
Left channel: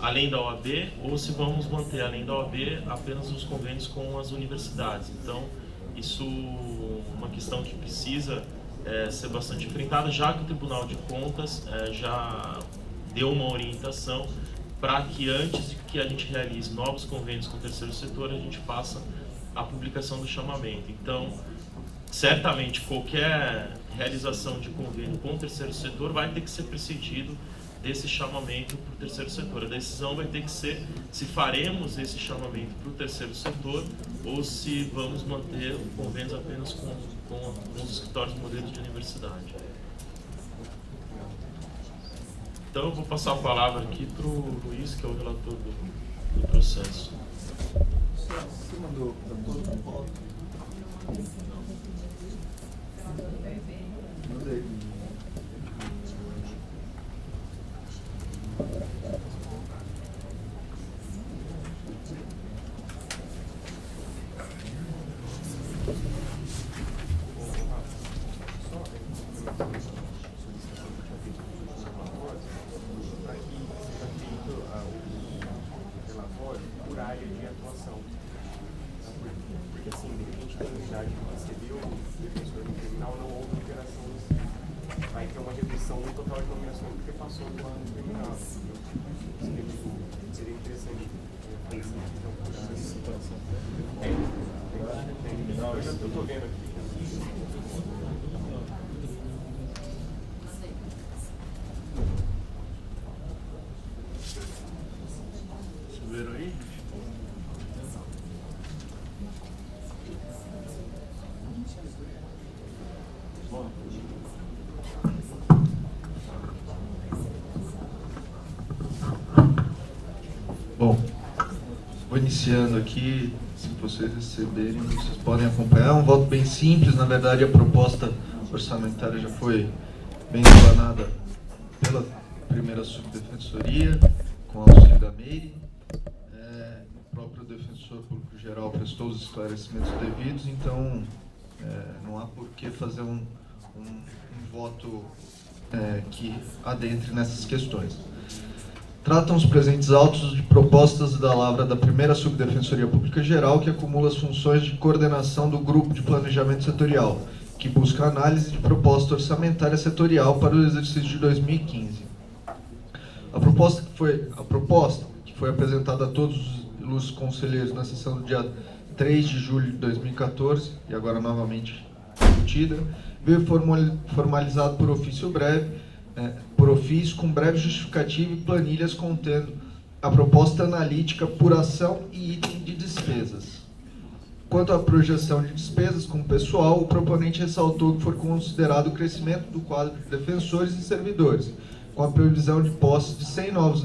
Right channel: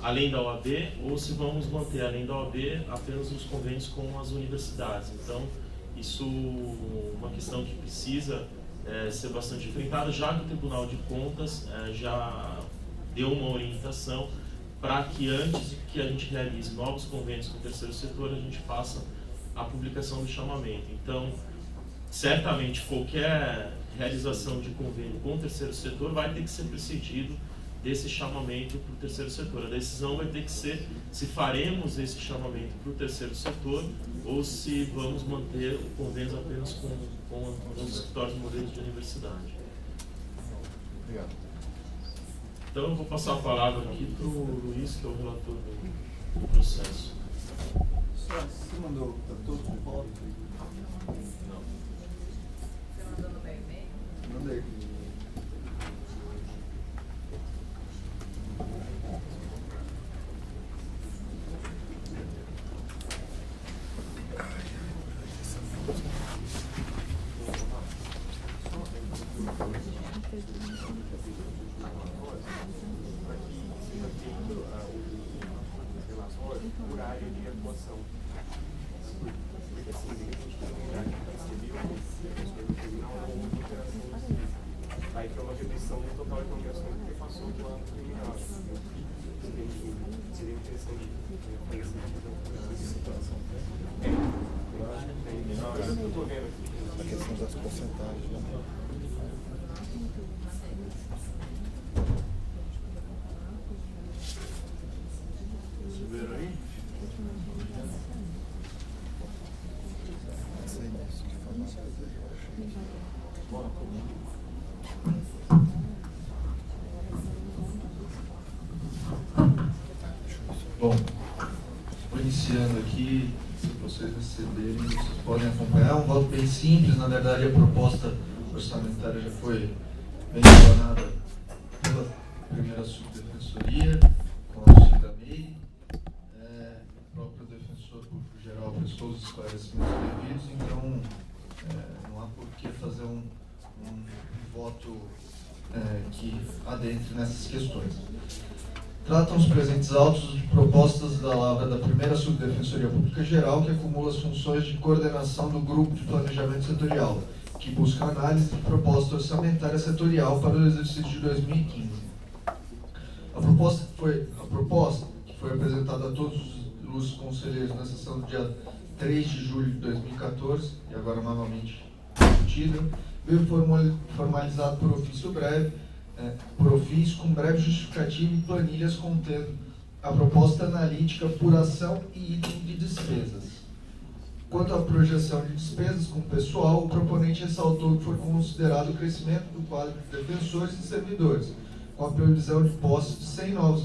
além da OAB, ou se vamos manter, além da OAB, apenas os convênios com as universidades. Então, isso é uma questão que precisa ser bastante enfrentada, já que o Tribunal de Contas já deu uma orientação para que antes de que a gente realize novos convênios com o terceiro setor, a gente faça a publicação do chamamento. Então, certamente, qualquer realização de convênio com o terceiro setor vai ter que ser precedido desse chamamento para o terceiro setor. A decisão vai ter que ser se faremos esse chamamento para o terceiro setor ou se vamos manter o convênio apenas com os escritórios modelos de universidade. Então eu vou passar a palavra aqui para o Luiz, que é o relator do processo. Você mandou para todos com pauta? Não. Mandei. Viram aí? Bom, vou iniciando aqui. Se vocês receberem, vocês podem acompanhar. É um voto bem simples. Na verdade, a proposta orçamentária já foi bem explanada pela primeira subdefensoria, com auxílio da MEI. O próprio defensor público geral prestou os esclarecimentos devidos, então não há por que fazer um voto que adentre nessas questões. Tratam os presentes autos de propostas da lavra da primeira Subdefensoria Pública Geral, que acumula as funções de coordenação do Grupo de Planejamento Setorial, que busca análise de proposta orçamentária setorial para o exercício de 2015. A proposta que foi apresentada a todos os conselheiros na sessão do dia 3 de julho de 2014, e agora novamente discutida, veio formalizado por ofício com breve justificativa e planilhas contendo a proposta analítica, apuração e item de despesas. Quanto à projeção de despesas com o pessoal, o proponente ressaltou que foi considerado o crescimento do quadro de defensores e servidores, com a previsão de posse de 100 novos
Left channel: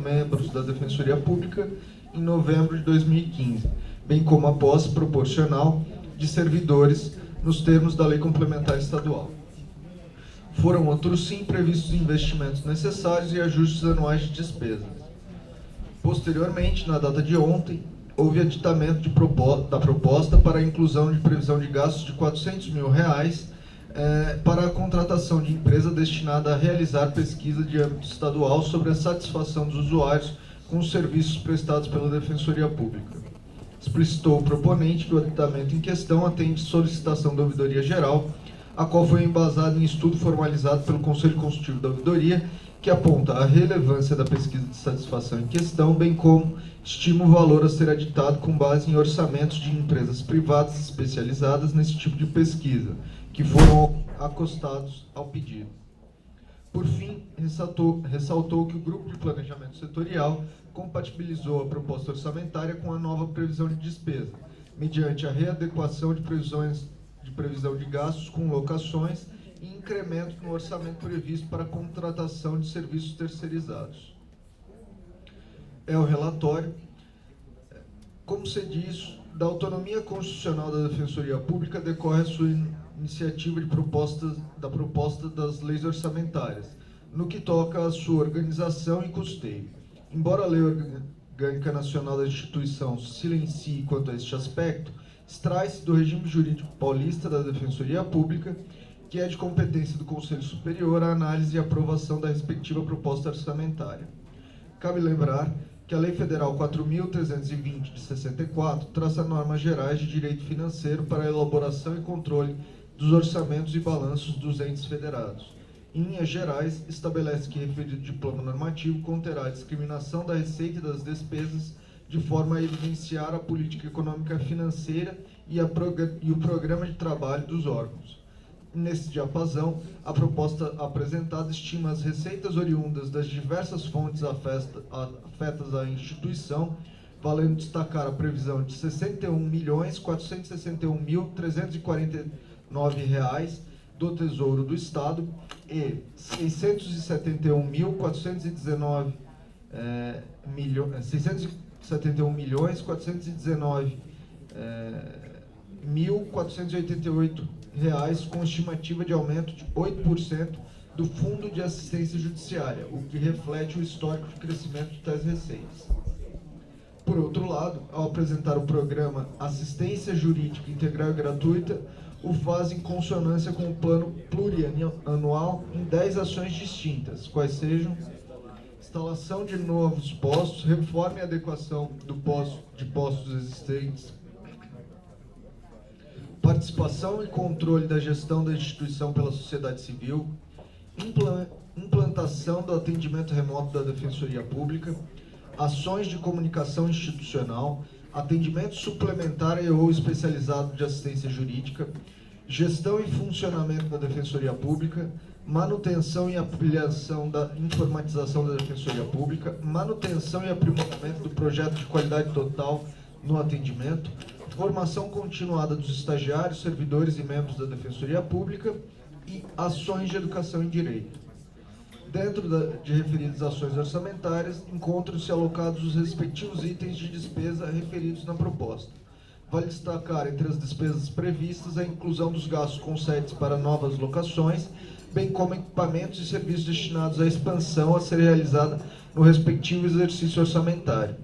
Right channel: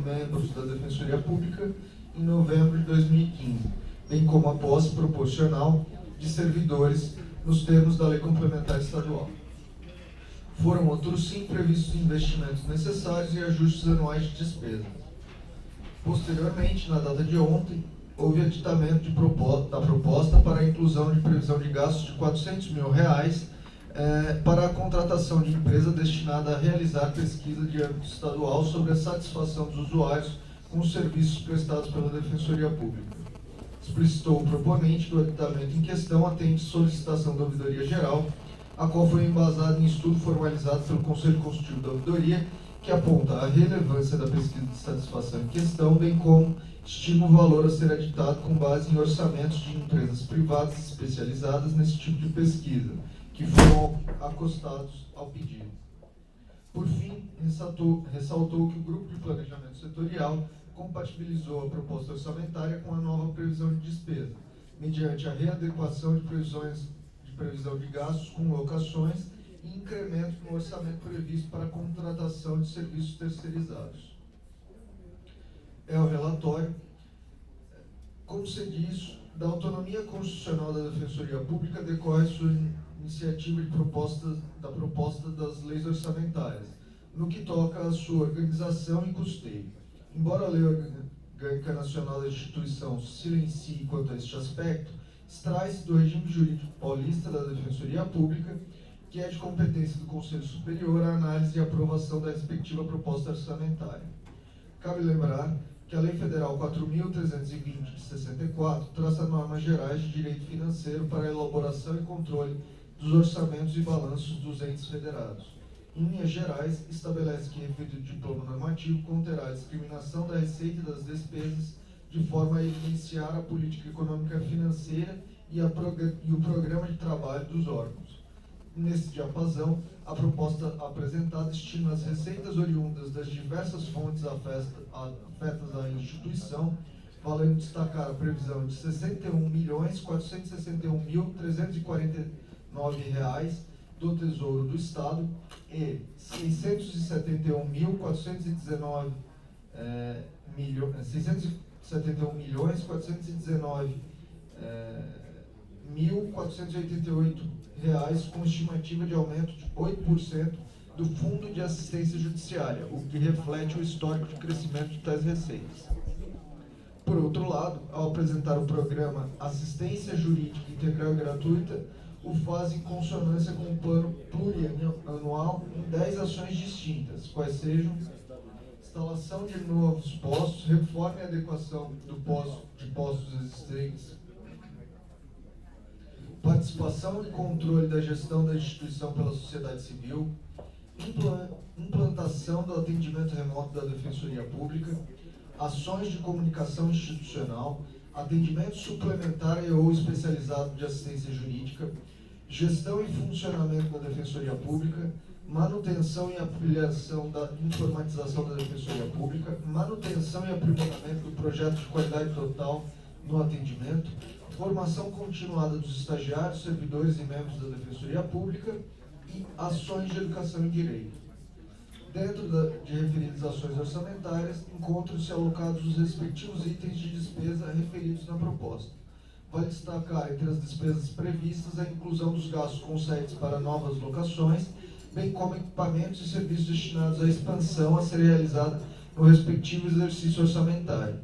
membros da Defensoria Pública em novembro de 2015, bem como a posse proporcional de servidores nos termos da Lei Complementar Estadual. Foram, outros sim, previstos investimentos necessários e ajustes anuais de despesas. Posteriormente, na data de ontem, houve aditamento da proposta para a inclusão de previsão de gastos de R$ 400 mil para a contratação de empresa destinada a realizar pesquisa de âmbito estadual sobre a satisfação dos usuários com os serviços prestados pela Defensoria Pública. Explicitou o proponente que o aditamento em questão atende solicitação da Ouvidoria Geral, a qual foi embasada em estudo formalizado pelo Conselho Consultivo da Ouvidoria, que aponta a relevância da pesquisa de satisfação em questão, bem como estima o valor a ser aditado com base em orçamentos de empresas privadas especializadas nesse tipo de pesquisa, que foram acostados ao pedido. Por fim, ressaltou que o Grupo de Planejamento Setorial compatibilizou a proposta orçamentária com a nova previsão de despesa, mediante a readequação de previsão de gastos com locações e incremento no orçamento previsto para a contratação de serviços terceirizados. O relatório. Como se diz, da autonomia constitucional da Defensoria Pública decorre a sua iniciativa da proposta das leis orçamentárias, no que toca à sua organização e custeio. Embora a Lei Orgânica Nacional da Instituição silencie quanto a este aspecto, extrai-se do regime jurídico paulista da Defensoria Pública, que é de competência do Conselho Superior a análise e aprovação da respectiva proposta orçamentária. Cabe lembrar que a Lei Federal 4.320 de 64 traça normas gerais de direito financeiro para a elaboração e controle dos orçamentos e balanços dos entes federados. Em linhas gerais, estabelece que referido diploma normativo conterá a discriminação da receita e das despesas de forma a evidenciar a política econômica financeira e o programa de trabalho dos órgãos. Nesse diapasão, a proposta apresentada estima as receitas oriundas das diversas fontes afetas à instituição, valendo destacar a previsão de R$ 61.461.349 do Tesouro do Estado e R$ 671.419.488 com estimativa de aumento de 8% do Fundo de Assistência Judiciária, o que reflete o histórico de crescimento de tais receitas. Por outro lado, ao apresentar o programa Assistência Jurídica Integral e Gratuita, o faz em consonância com o plano plurianual em 10 ações distintas, quais sejam instalação de novos postos, reforma e adequação de postos existentes, participação e controle da gestão da instituição pela sociedade civil, implantação do atendimento remoto da Defensoria Pública, ações de comunicação institucional, atendimento suplementar e ou especializado de assistência jurídica, gestão e funcionamento da Defensoria Pública, manutenção e ampliação da informatização da Defensoria Pública, manutenção e aprimoramento do projeto de qualidade total no atendimento, formação continuada dos estagiários, servidores e membros da Defensoria Pública e ações de educação em direito. Dentro de referidas ações orçamentárias, encontram-se alocados os respectivos itens de despesa referidos na proposta. Vale destacar, entre as despesas previstas, a inclusão dos gastos com sites para novas locações, bem como equipamentos e serviços destinados à expansão a ser realizada no respectivo exercício orçamentário.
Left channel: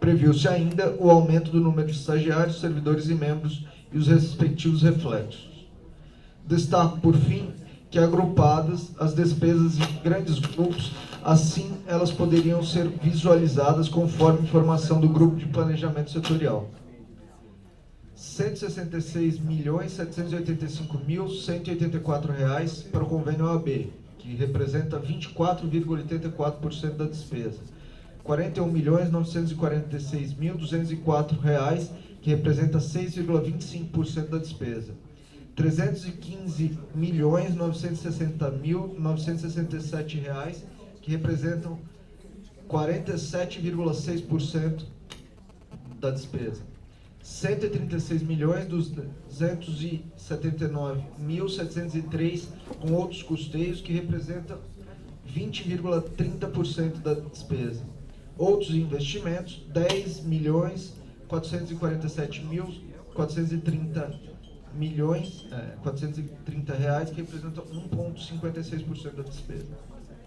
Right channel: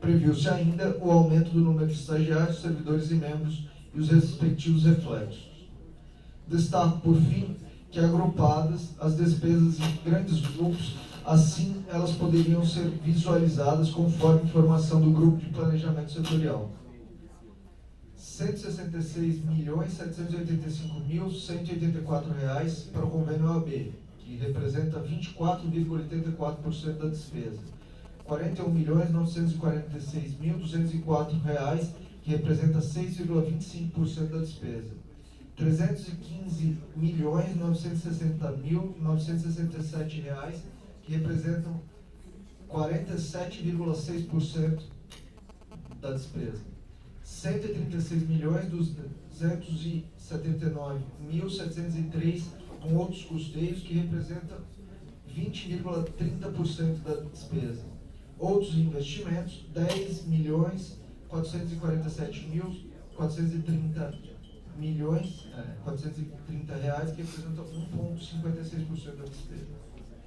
Previu-se ainda o aumento do número de estagiários, servidores e membros e os respectivos reflexos. Destaco, por fim, que agrupadas as despesas em grandes grupos, assim elas poderiam ser visualizadas conforme informação do Grupo de Planejamento Setorial. R$ 166.785.184 para o convênio OAB, que representa 24,84% da despesa. R$ 41.946.204, que representa 6,25% da despesa. R$ 315.960.967, que representam 47,6% da despesa. R$ 136.279.703 com outros custeios, que representam 20,30% da despesa. Outros investimentos, R$ 10.447.430 reais, que representam 1,56% da despesa.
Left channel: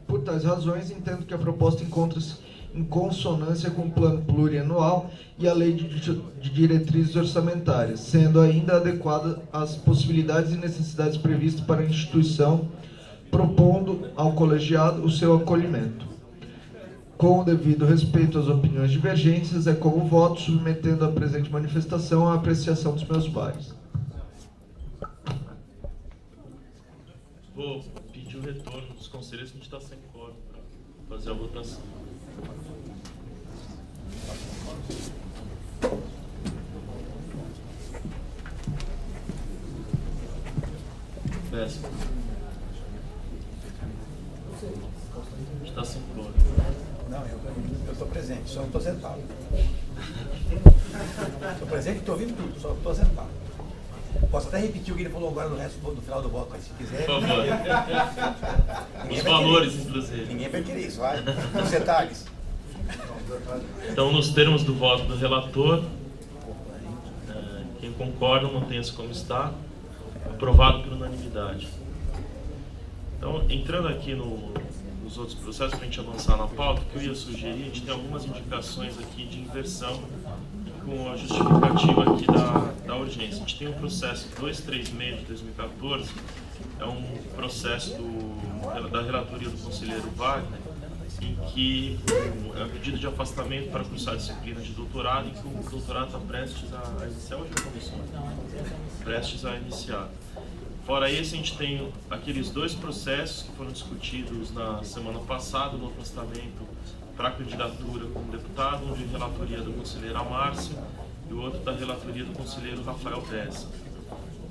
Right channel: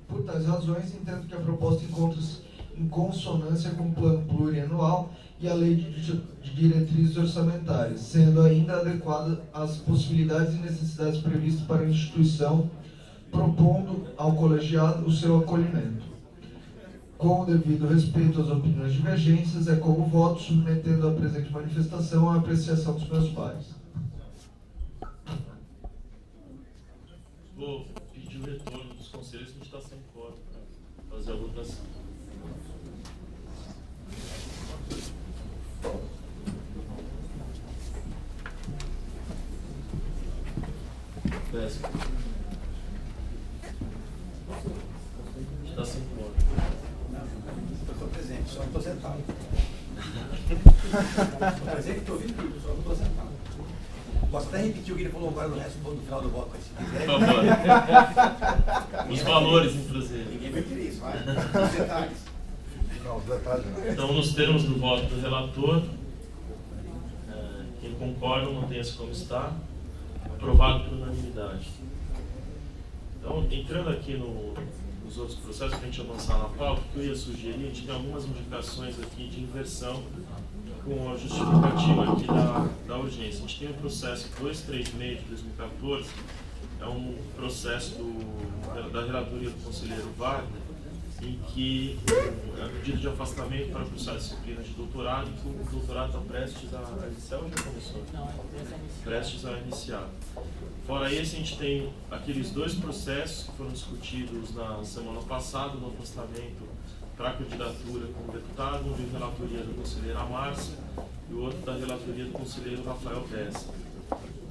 Por tais razões, entendo que a proposta encontra-se em consonância com o plano plurianual e a lei de diretrizes orçamentárias, sendo ainda adequada às possibilidades e necessidades previstas para a instituição, propondo ao colegiado o seu acolhimento. Com o devido respeito às opiniões divergentes, é com o voto submetendo a presente manifestação à apreciação dos meus pares. Vou pedir o retorno dos conselheiros, que a gente está sem quórum para fazer a votação. Péssimo. A gente está sem quórum. Não, eu estou presente, só não estou sentado. Estou presente e estou ouvindo tudo, só não estou sentado. Posso até repetir o que ele falou agora no resto do final do voto, se quiser. Por favor. Os valores, inclusive. Ninguém vai querer isso, vai. Os detalhes. Então, nos termos do voto do relator, quem concorda, mantenha-se como está. Aprovado por unanimidade. Então, entrando aqui nos outros processos, para a gente avançar na pauta, o que eu ia sugerir, a gente tem algumas indicações aqui de inversão com a justificativa aqui da urgência. A gente tem um processo 236 de 2014, é um processo da relatoria do conselheiro Wagner, em que é um pedido de afastamento para cursar a disciplina de doutorado, em que o doutorado está prestes a iniciar ou já começou? Prestes a iniciar. Fora esse, a gente tem aqueles dois processos que foram discutidos na semana passada, no afastamento para a candidatura como deputado, um de relatoria da conselheira Márcia e o outro da relatoria do conselheiro Rafael Dessa.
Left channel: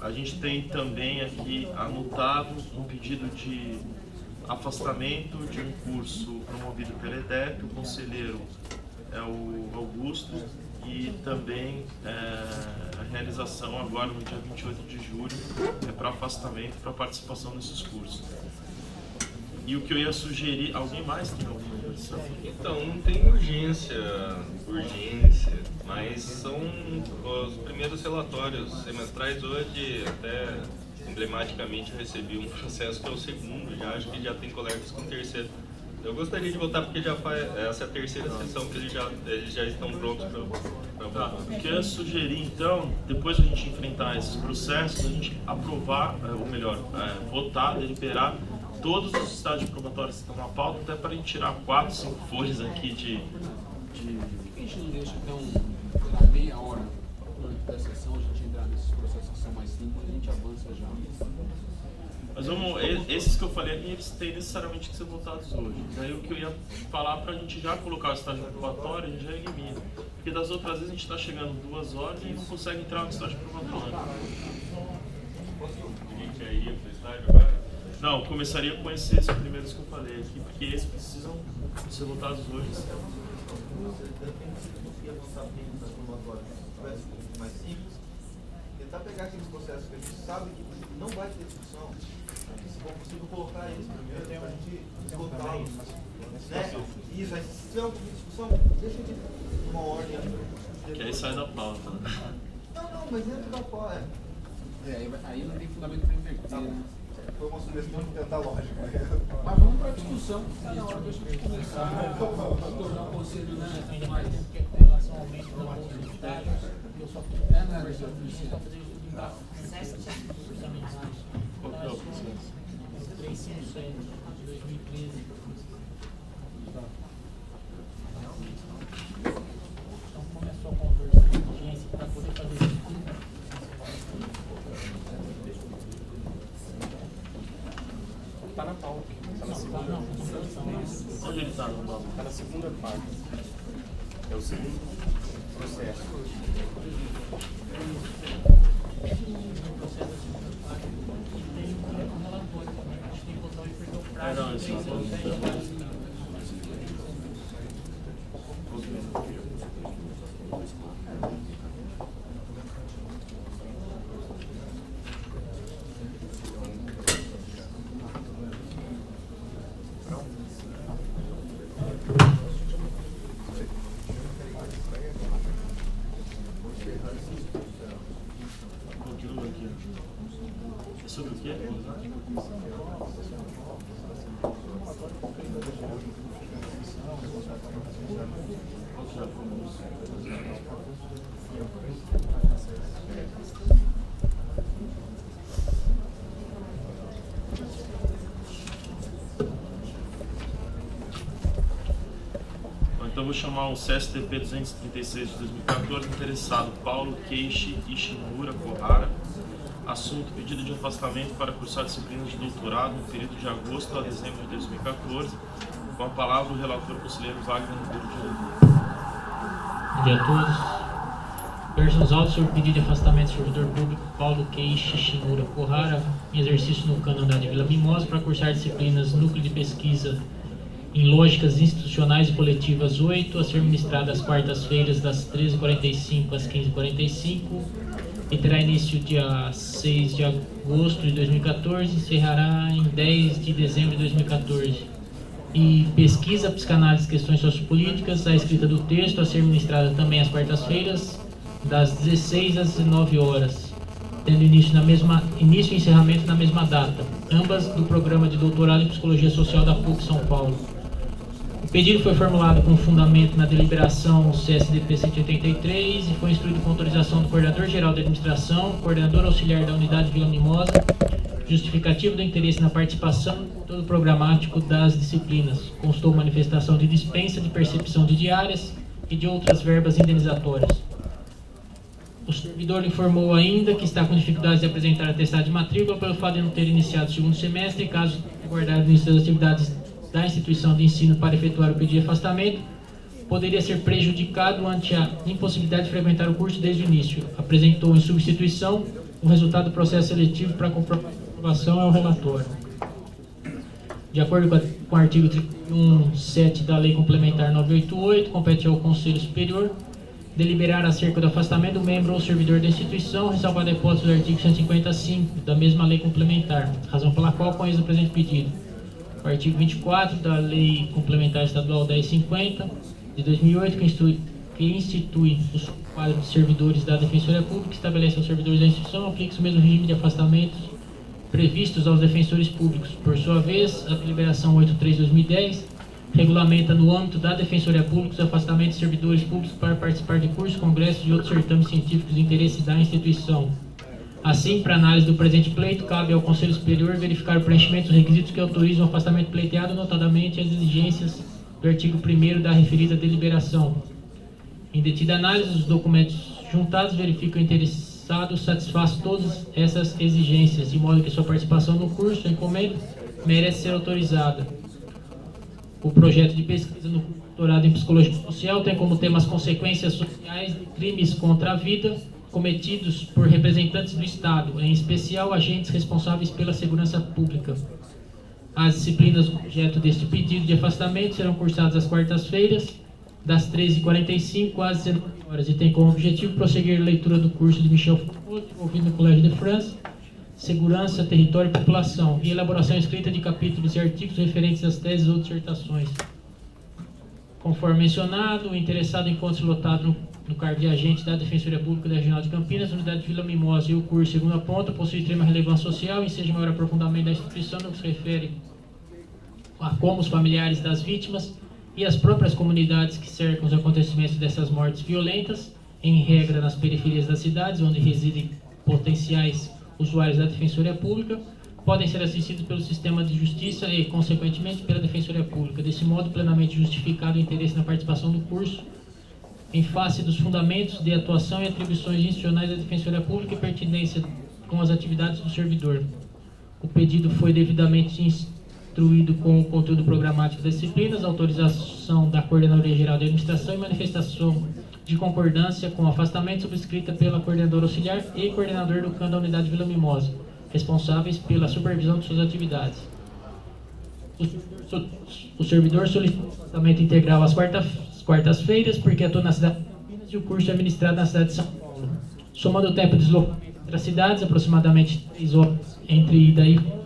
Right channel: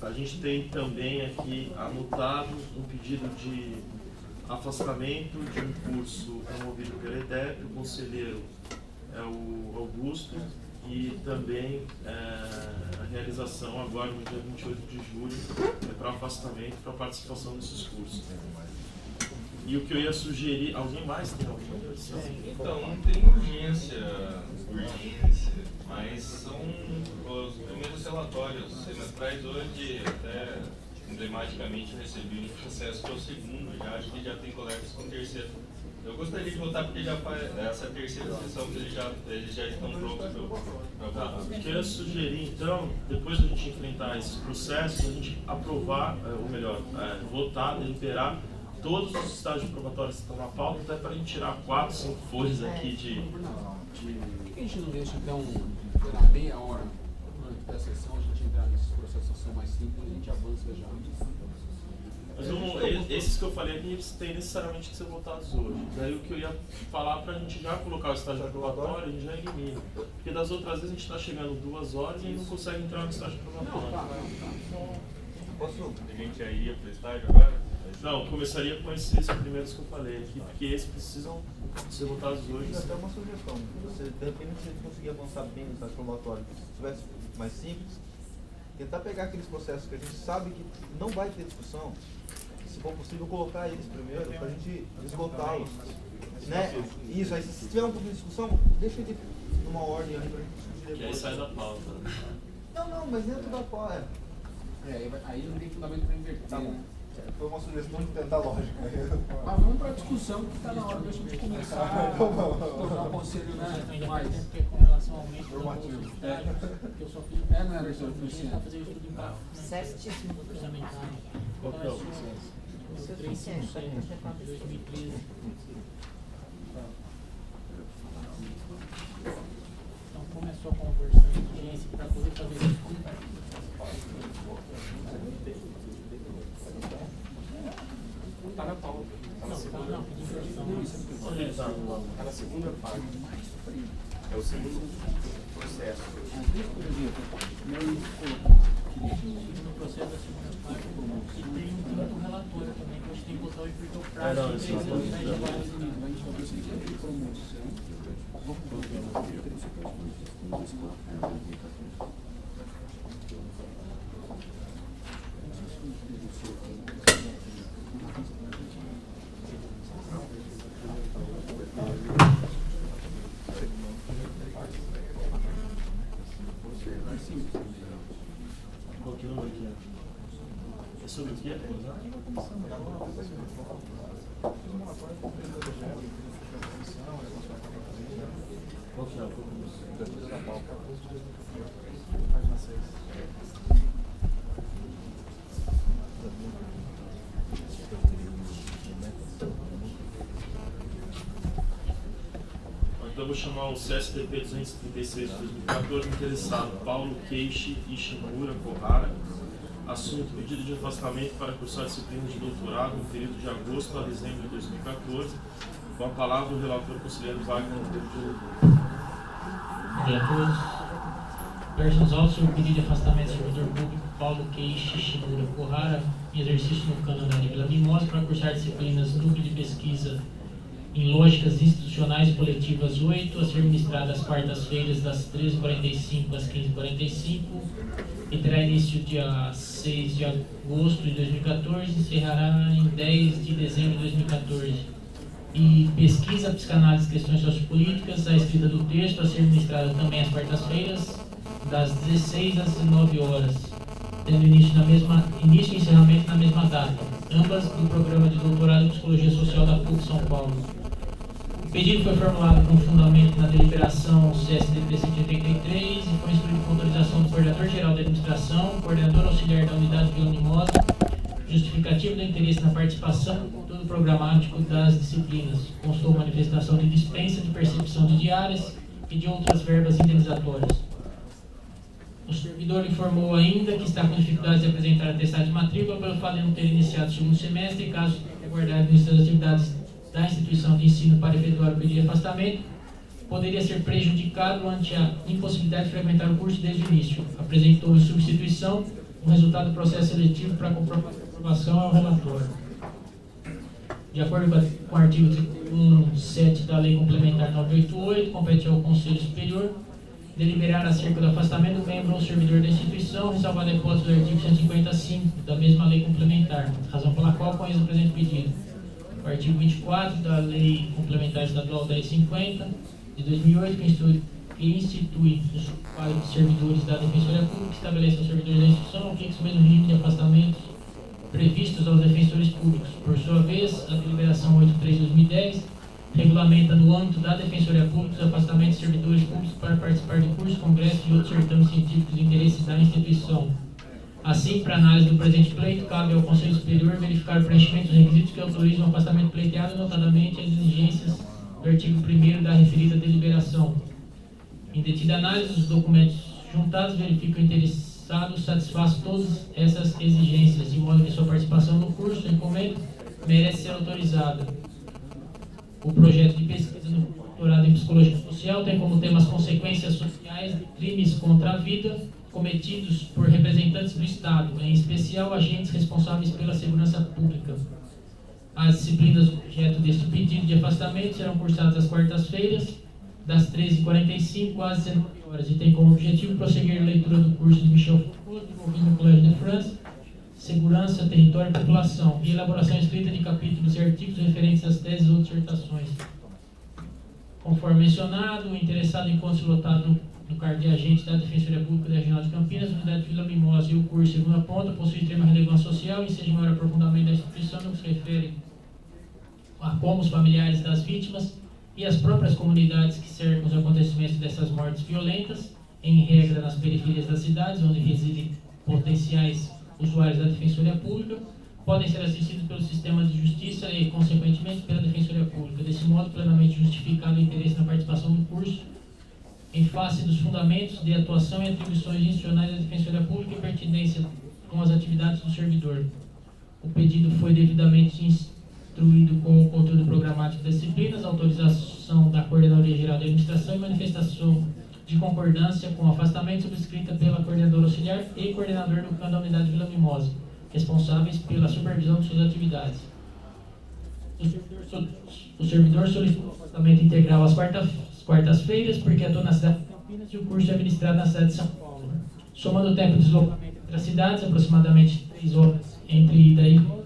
A gente tem também aqui anotado um pedido de afastamento de um curso promovido pela EDEP, o conselheiro é o Augusto, e também a realização agora no dia 28 de julho para afastamento, para participação nesses cursos. E o que eu ia sugerir, alguém mais tem alguma impressão? Então, não tem urgência, mas são os primeiros relatórios semestrais. Hoje, até emblematicamente, eu recebi um processo que é o segundo, já acho que já tem colegas com o terceiro. Eu gostaria de votar porque já essa é a terceira sessão que eles já estão prontos para votar. O que eu ia sugerir, então, depois de a gente enfrentar esses processos, a gente aprovar, ou melhor, votar, deliberar todos os estágios probatórios que estão na pauta, até para a gente tirar 4, 5 folhas aqui de... Por que a gente não deixa então, meia hora durante a sessão, a gente entrar nesses processos que são mais simples e a gente avança já? Mas esses que eu falei aqui, eles têm necessariamente que ser votados hoje. Daí o que eu ia falar para a gente já colocar o estágio probatório, a gente já elimina. Porque das outras vezes a gente está chegando 2 horas e não consegue entrar no estágio probatório. A gente já iria para o estágio agora? Não, começaria com esses primeiros que eu falei aqui, porque esses precisam ser votados hoje. Isso é uma sugestão. Você depende se você conseguir avançar bem no estágio probatório. Se tivesse mais simples, tentar pegar aqueles processos que a gente sabe que não vai ter discussão, se for possível, colocar eles primeiro, para a gente esgotá-los. Né? Isso, aí se tiver um pouco de discussão, deixa ele numa ordem ali para a gente discutir depois. Que aí sai da pauta, né? Não, mas dentro da pauta. Aí não tem fundamento para inverter. Tá bom. Foi uma sugestão de tentar lógica. Mas vamos para a discussão, que está na hora da gente começar a tornar o conselho, né, mais em relação ao aumento do orçamentário, que eu só fiz. Não era isso, eu fiz sim. Só fazer isso tudo em base orçamentário. Qual que é o 357 de 2013. Então começou a conversão de urgência para poder fazer isso tudo. Está na pauta. Está na segunda. Onde ele está? Está na segunda parte. É o segundo processo. No processo da segunda parte, e tem um relatório também, que a gente tem que botar o porque o prazo Não, de isso 3 não anos pode já vai. Continua aqui. É sobre o quê? Qual que é a Então eu vou chamar o CSTP 236 de 2014, interessado Paulo Keishi Ishimura Kohara. Assunto: pedido de afastamento para cursar disciplinas de doutorado no período de agosto a dezembro de 2014. Com a palavra o relator conselheiro Wagner Ribeiro de Oliveira. Bom dia a todos. Verso nos autos sobre o pedido de afastamento do servidor público Paulo Keishi Ishimura Kohara, em exercício no Canadá de Vila Mimosa, para cursar disciplinas Núcleo de Pesquisa em Lógicas Institucionais e Coletivas 8, a ser ministrada às quartas-feiras das 13h45 às 15h45, e terá início dia 6 de agosto de 2014 e encerrará em 10 de dezembro de 2014. E pesquisa, psicanálise e questões sociopolíticas, a escrita do texto, a ser ministrada também às quartas-feiras, das 16 às 19 horas, tendo início e encerramento na mesma data, ambas do programa de doutorado em Psicologia Social da PUC São Paulo. O pedido foi formulado com fundamento na deliberação CSDP 183 e foi instruído com autorização do Coordenador-Geral da Administração, Coordenador Auxiliar da Unidade Vila Mimosa, justificativo do interesse na participação no conteúdo programático das disciplinas. Constou manifestação de dispensa de percepção de diárias e de outras verbas indenizatórias. O servidor informou ainda que está com dificuldades de apresentar atestado de matrícula pelo fato de não ter iniciado o segundo semestre e, caso aguardar o início das atividades da instituição de ensino para efetuar o pedido de afastamento, poderia ser prejudicado ante a impossibilidade de frequentar o curso desde o início. Apresentou em substituição o resultado do processo seletivo para comprovação ao relatório. De acordo com o artigo 31.7 da Lei Complementar 988, compete ao Conselho Superior deliberar acerca do afastamento do membro ou servidor da instituição, ressalvada a hipótese do artigo 155 da mesma lei complementar, razão pela qual conheço o presente pedido. O artigo 24 da Lei Complementar Estadual 1050 de 2008, que institui os quadros de servidores da Defensoria Pública, estabelece aos servidores da instituição, aplica o mesmo regime de afastamentos previstos aos defensores públicos. Por sua vez, a deliberação 83/2010 regulamenta no âmbito da Defensoria Pública os afastamentos de servidores públicos para participar de cursos, congressos e outros certames científicos de interesse da instituição. Assim, para análise do presente pleito, cabe ao Conselho Superior verificar o preenchimento dos requisitos que autorizam o afastamento pleiteado, notadamente as exigências do artigo 1º da referida deliberação. Em detida análise, os documentos juntados verificam que o interessado satisfaz todas essas exigências, de modo que sua participação no curso, encomenda, merece ser autorizada. O projeto de pesquisa no doutorado em Psicologia Social tem como tema as consequências sociais de crimes contra a vida cometidos por representantes do Estado, em especial agentes responsáveis pela segurança pública. As disciplinas objeto deste pedido de afastamento serão cursadas às quartas-feiras, das 13h45 às 19 horas, e tem como objetivo prosseguir a leitura do curso de Michel Foucault, desenvolvido no Colégio de France, segurança, território e população, e elaboração escrita de capítulos e artigos referentes às teses ou dissertações. Conforme mencionado, o interessado encontra-se lotado no cargo de agente da Defensoria Pública da Regional de Campinas, Unidade de Vila Mimosa, e o curso segunda ponta possui extrema relevância social e seja maior aprofundamento da instituição no que se refere a como os familiares das vítimas e as próprias comunidades que cercam os acontecimentos dessas mortes violentas, em regra nas periferias das cidades, onde residem potenciais usuários da Defensoria Pública, podem ser assistidos pelo sistema de justiça e, consequentemente, pela Defensoria Pública. Desse modo, plenamente justificado o interesse na participação do curso, em face dos fundamentos de atuação e atribuições institucionais da Defensoria Pública e pertinência com as atividades do servidor. O pedido foi devidamente instruído com o conteúdo programático das disciplinas, autorização da Coordenadoria Geral de Administração e manifestação de concordância com o afastamento subscrita pela Coordenadora Auxiliar e Coordenador do CAN da Unidade Vila Mimosa, responsáveis pela supervisão de suas atividades. O servidor solicitou o afastamento integral às quartas-feiras, porque atua na cidade de Campinas e o curso é administrado na cidade de São Paulo. Somando o tempo de deslocamento entre as cidades, aproximadamente 3 horas entre ida e volta,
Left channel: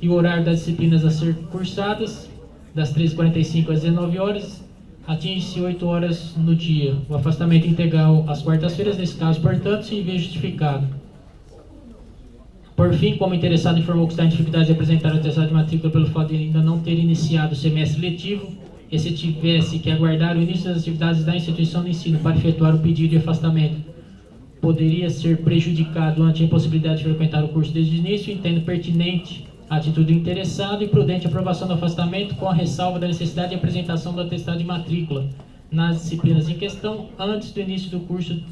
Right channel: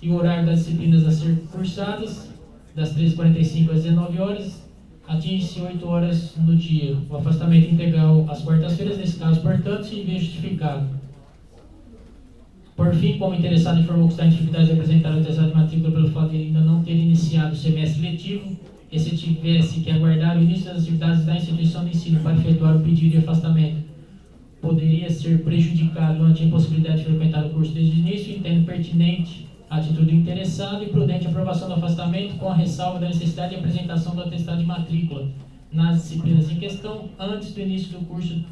e o horário das disciplinas a ser cursadas, das 13h45 às 19 horas, atinge-se 8 horas no dia. O afastamento integral às quartas-feiras, nesse caso, portanto, se vê justificado. Por fim, como interessado informou que está em dificuldade de apresentar o atestado de matrícula pelo fato de ainda não ter iniciado o semestre letivo, e se tivesse que aguardar o início das atividades da instituição de ensino para efetuar o pedido de afastamento, poderia ser prejudicado ante a impossibilidade de frequentar o curso desde o início, entendo pertinente a atitude do interessado e prudente aprovação do afastamento, com a ressalva da necessidade de apresentação do atestado de matrícula nas disciplinas em questão antes do início do curso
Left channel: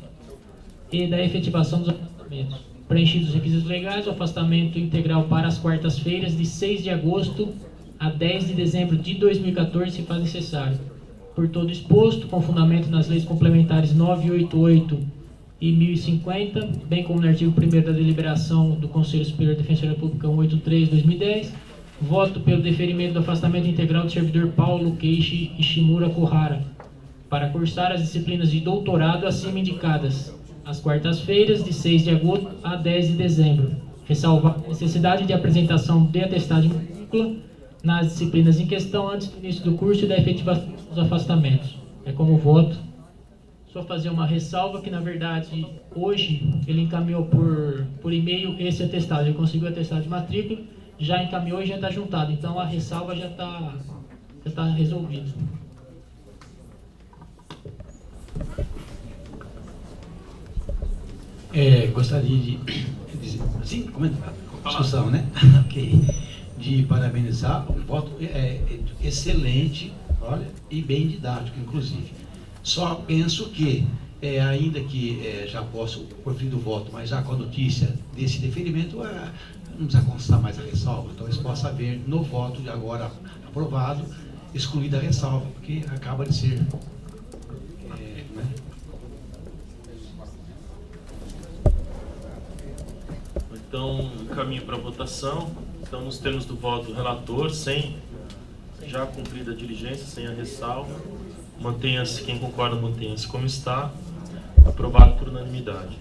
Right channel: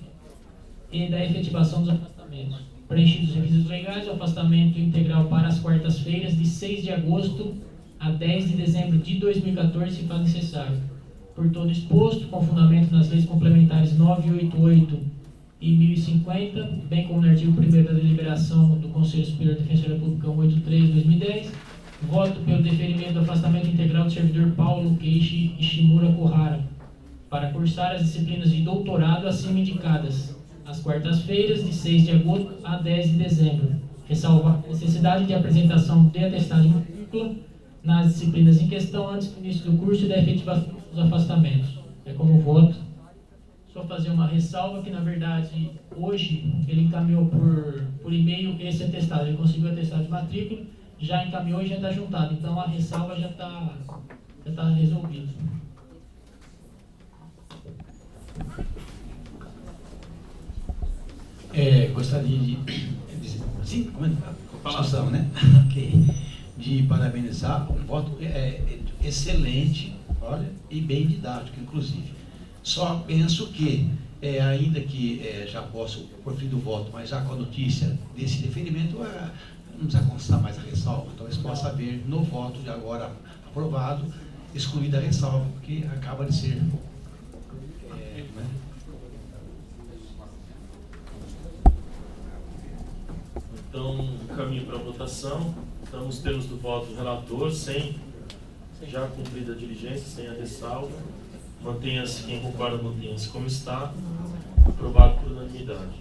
e da efetivação dos afastamentos. Preenchidos os requisitos legais, o afastamento integral para as quartas-feiras de 6 de agosto a 10 de dezembro de 2014 se faz necessário. Por todo exposto, com fundamento nas leis complementares 988 e 1050, bem como no artigo 1º da deliberação do Conselho Superior de Defensoria Pública 183/2010, voto pelo deferimento do afastamento integral do servidor Paulo Keishi Ishimura Kuhara, para cursar as disciplinas de doutorado acima indicadas, às quartas-feiras, de 6 de agosto a 10 de dezembro, ressalvar a necessidade de apresentação de atestado de matrícula nas disciplinas em questão antes do início do curso e da efetivação dos afastamentos. É como voto. Só fazer uma ressalva que, na verdade, hoje ele encaminhou por e-mail esse atestado. Ele conseguiu o atestado de matrícula, já encaminhou e já está juntado. Então, a ressalva já está resolvida. Gostaria de assim, discussão, né? Ok. De parabenizar, um voto excelente, olha, e bem didático, inclusive. Só penso que, ainda que já posso proferir o voto, mas já com a notícia desse deferimento, não precisa constar mais a ressalva. Talvez possa haver no voto de agora aprovado, excluída a ressalva, porque acaba de ser... né? Então, caminho para a votação. Então, nos termos do voto do relator, sem já cumprida a diligência, sem a ressalva, mantenha-se, quem concorda, mantenha-se como está, aprovado por unanimidade.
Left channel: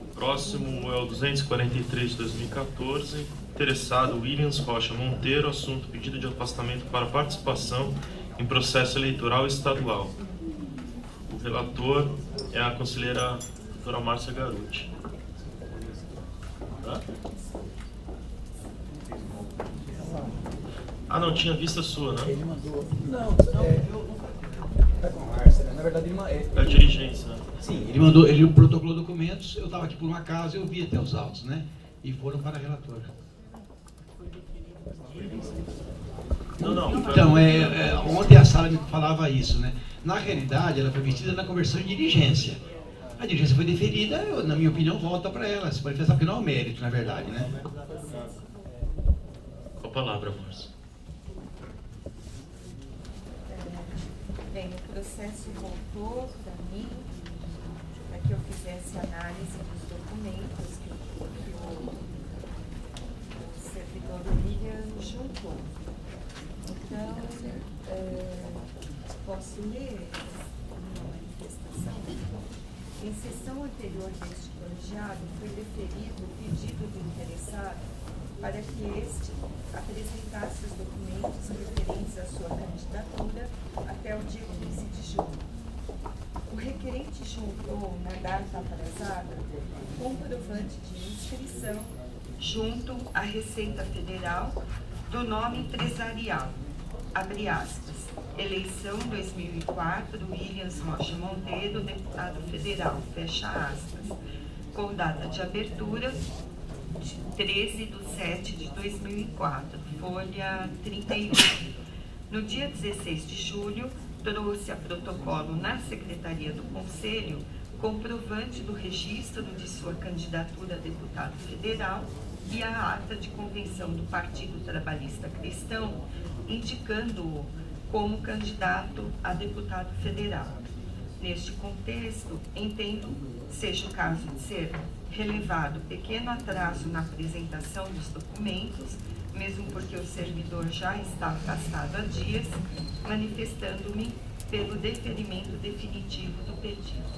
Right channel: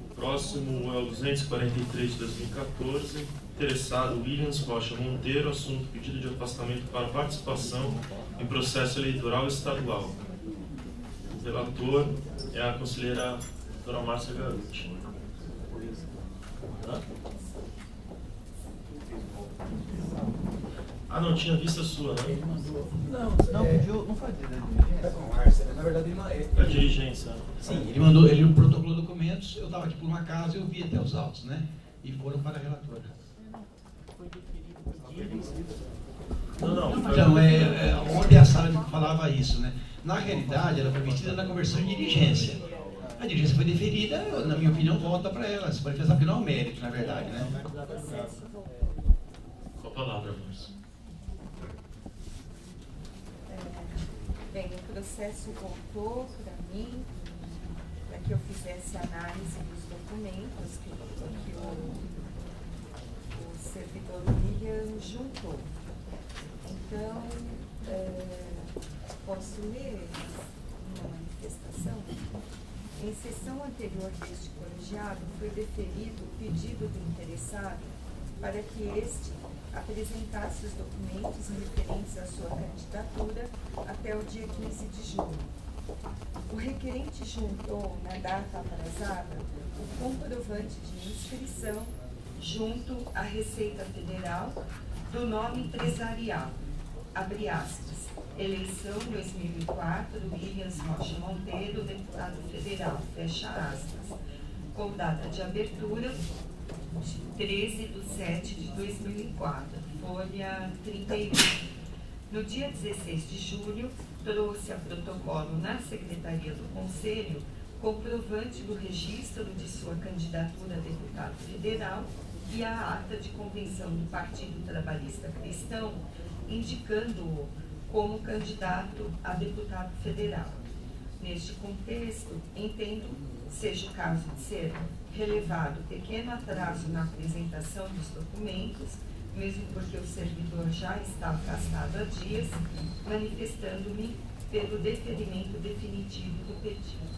O próximo é o 243 de 2014, interessado Williams Rocha Monteiro, assunto pedido de afastamento para participação em processo eleitoral estadual. O relator é a conselheira doutora Márcia Garuti. Tá? Ah, não, tinha vista sua, né? Ele mandou. Não, eu não fazia, né? Tá com a Márcia, né? Na verdade, ele a dirigência. Sim, ele mandou, ele protocolou documentos, eu estava aqui por uma casa e eu vi até os autos, né? E foram para a relatora. Não. Então, ontem a sala me falava isso, né? Na realidade, ela foi metida na conversão de diligência. A diligência foi deferida, na minha opinião, volta para ela. Se pode pensar que não é um mérito, na verdade, né? Com a palavra, Márcia. Bem, o processo voltou para mim, para que eu fizesse análise dos documentos que o servidor William juntou. Então, posso ler uma manifestação? Em sessão anterior deste colegiado, foi deferido o pedido do interessado para que este apresentasse os documentos referentes à sua candidatura até o dia 15 de julho. O requerente juntou, na data aprazada, o comprovante de inscrição junto à Receita Federal do nome empresarial, abre aspas, eleição 2004, Williams Rocha Monteiro, deputado federal, fecha aspas, com data de abertura de 13/7/2004, folha 31. No dia 16 de julho, trouxe a protocolo na Secretaria do Conselho comprovante do registro de sua candidatura a deputado federal e a ata de convenção do Partido Trabalhista Cristão, indicando-o como candidato a deputado federal. Neste contexto, entendo seja o caso de ser relevado pequeno atraso na apresentação dos documentos, mesmo porque o servidor já está afastado há dias, manifestando-me pelo deferimento definitivo do pedido.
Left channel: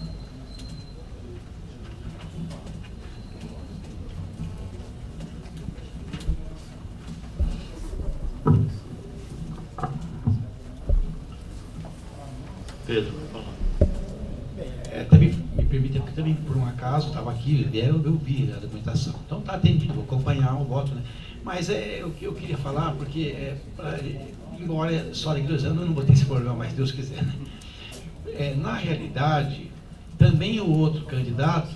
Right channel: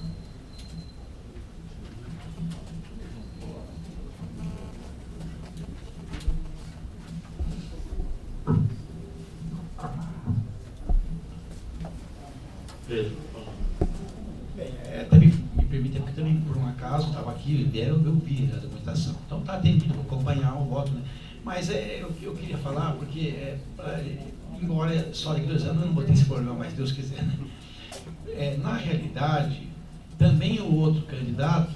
Pedro, também me permite, porque também por um acaso estava aqui, eu vi a documentação. Então está atendido, vou acompanhar o voto, né? Mas eu queria falar, porque embora só daqui 2 anos eu não botei esse problema, mas Deus quiser, né? Na realidade, também o outro candidato,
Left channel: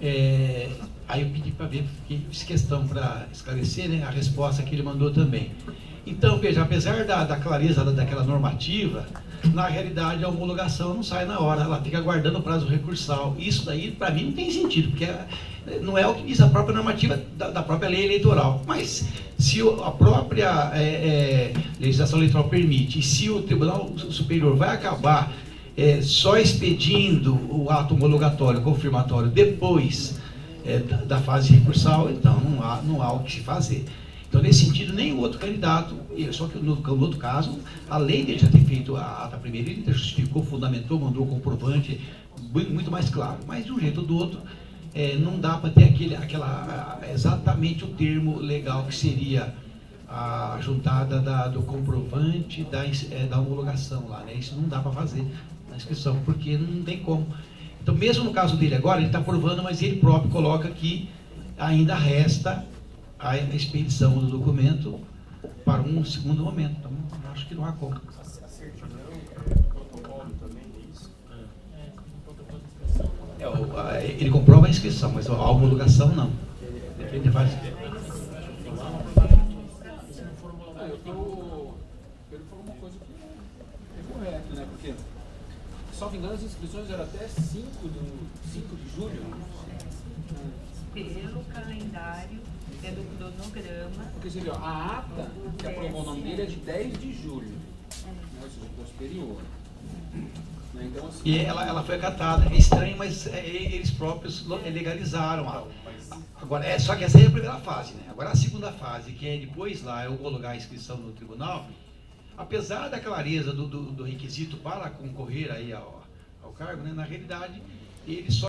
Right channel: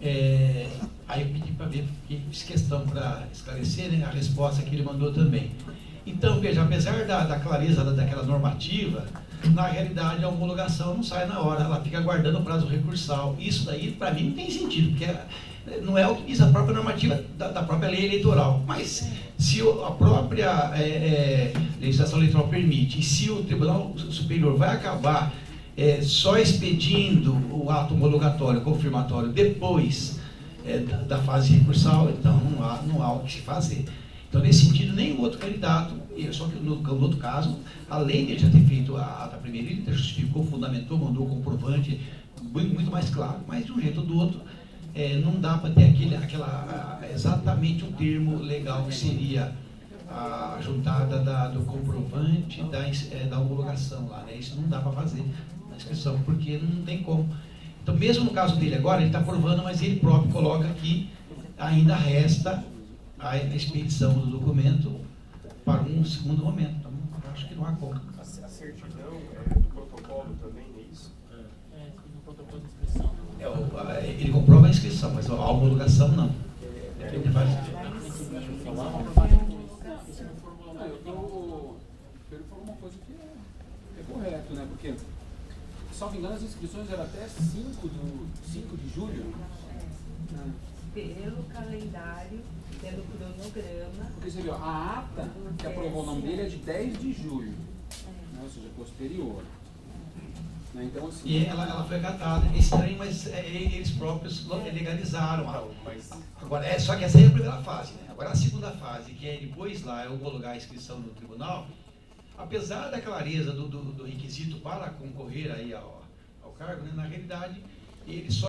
aí eu pedi para ver, fiz questão para esclarecer, né, a resposta que ele mandou também. Então, veja, apesar da clareza daquela normativa, na realidade a homologação não sai na hora, ela fica aguardando o prazo recursal. Isso daí, para mim, não tem sentido, porque não é o que diz a própria normativa da própria lei eleitoral. Mas se a própria legislação eleitoral permite, e se o Tribunal Superior vai acabar só expedindo o ato homologatório, confirmatório, depois da fase recursal, então não há o que se fazer. Então, nesse sentido, nem o outro candidato, só que no outro caso, além de já ter feito a ata primeira, ele justificou, fundamentou, mandou o comprovante, muito mais claro. Mas, de um jeito ou do outro, não dá para ter exatamente o termo legal que seria a juntada do comprovante da homologação lá, né? Isso não dá para fazer na inscrição, porque não tem como. Então, mesmo no caso dele agora, ele está provando, mas ele próprio coloca que ainda resta a expedição do documento para um segundo momento. Então, acho que não há como. A certidão do protocolo também, é isso? No protocolo de inscrição. Ele comprova a inscrição, mas a homologação não. Depende da fase. Pedro falou uma coisa que é correto, né? Porque, salvo engano, as inscrições eram até 5 de julho. Pelo calendário, pelo cronograma. Porque você viu, a ata que aprovou o nome dele é de 10 de julho, né? Ou seja, posterior. Né? Então, assim, E ela foi acatada. É estranho, mas eles próprios legalizaram. Agora, só que essa é a primeira fase, né? Agora a segunda fase, que é depois lá homologar a inscrição no tribunal, apesar da clareza do requisito para concorrer aí ao cargo, né? Na realidade, ele só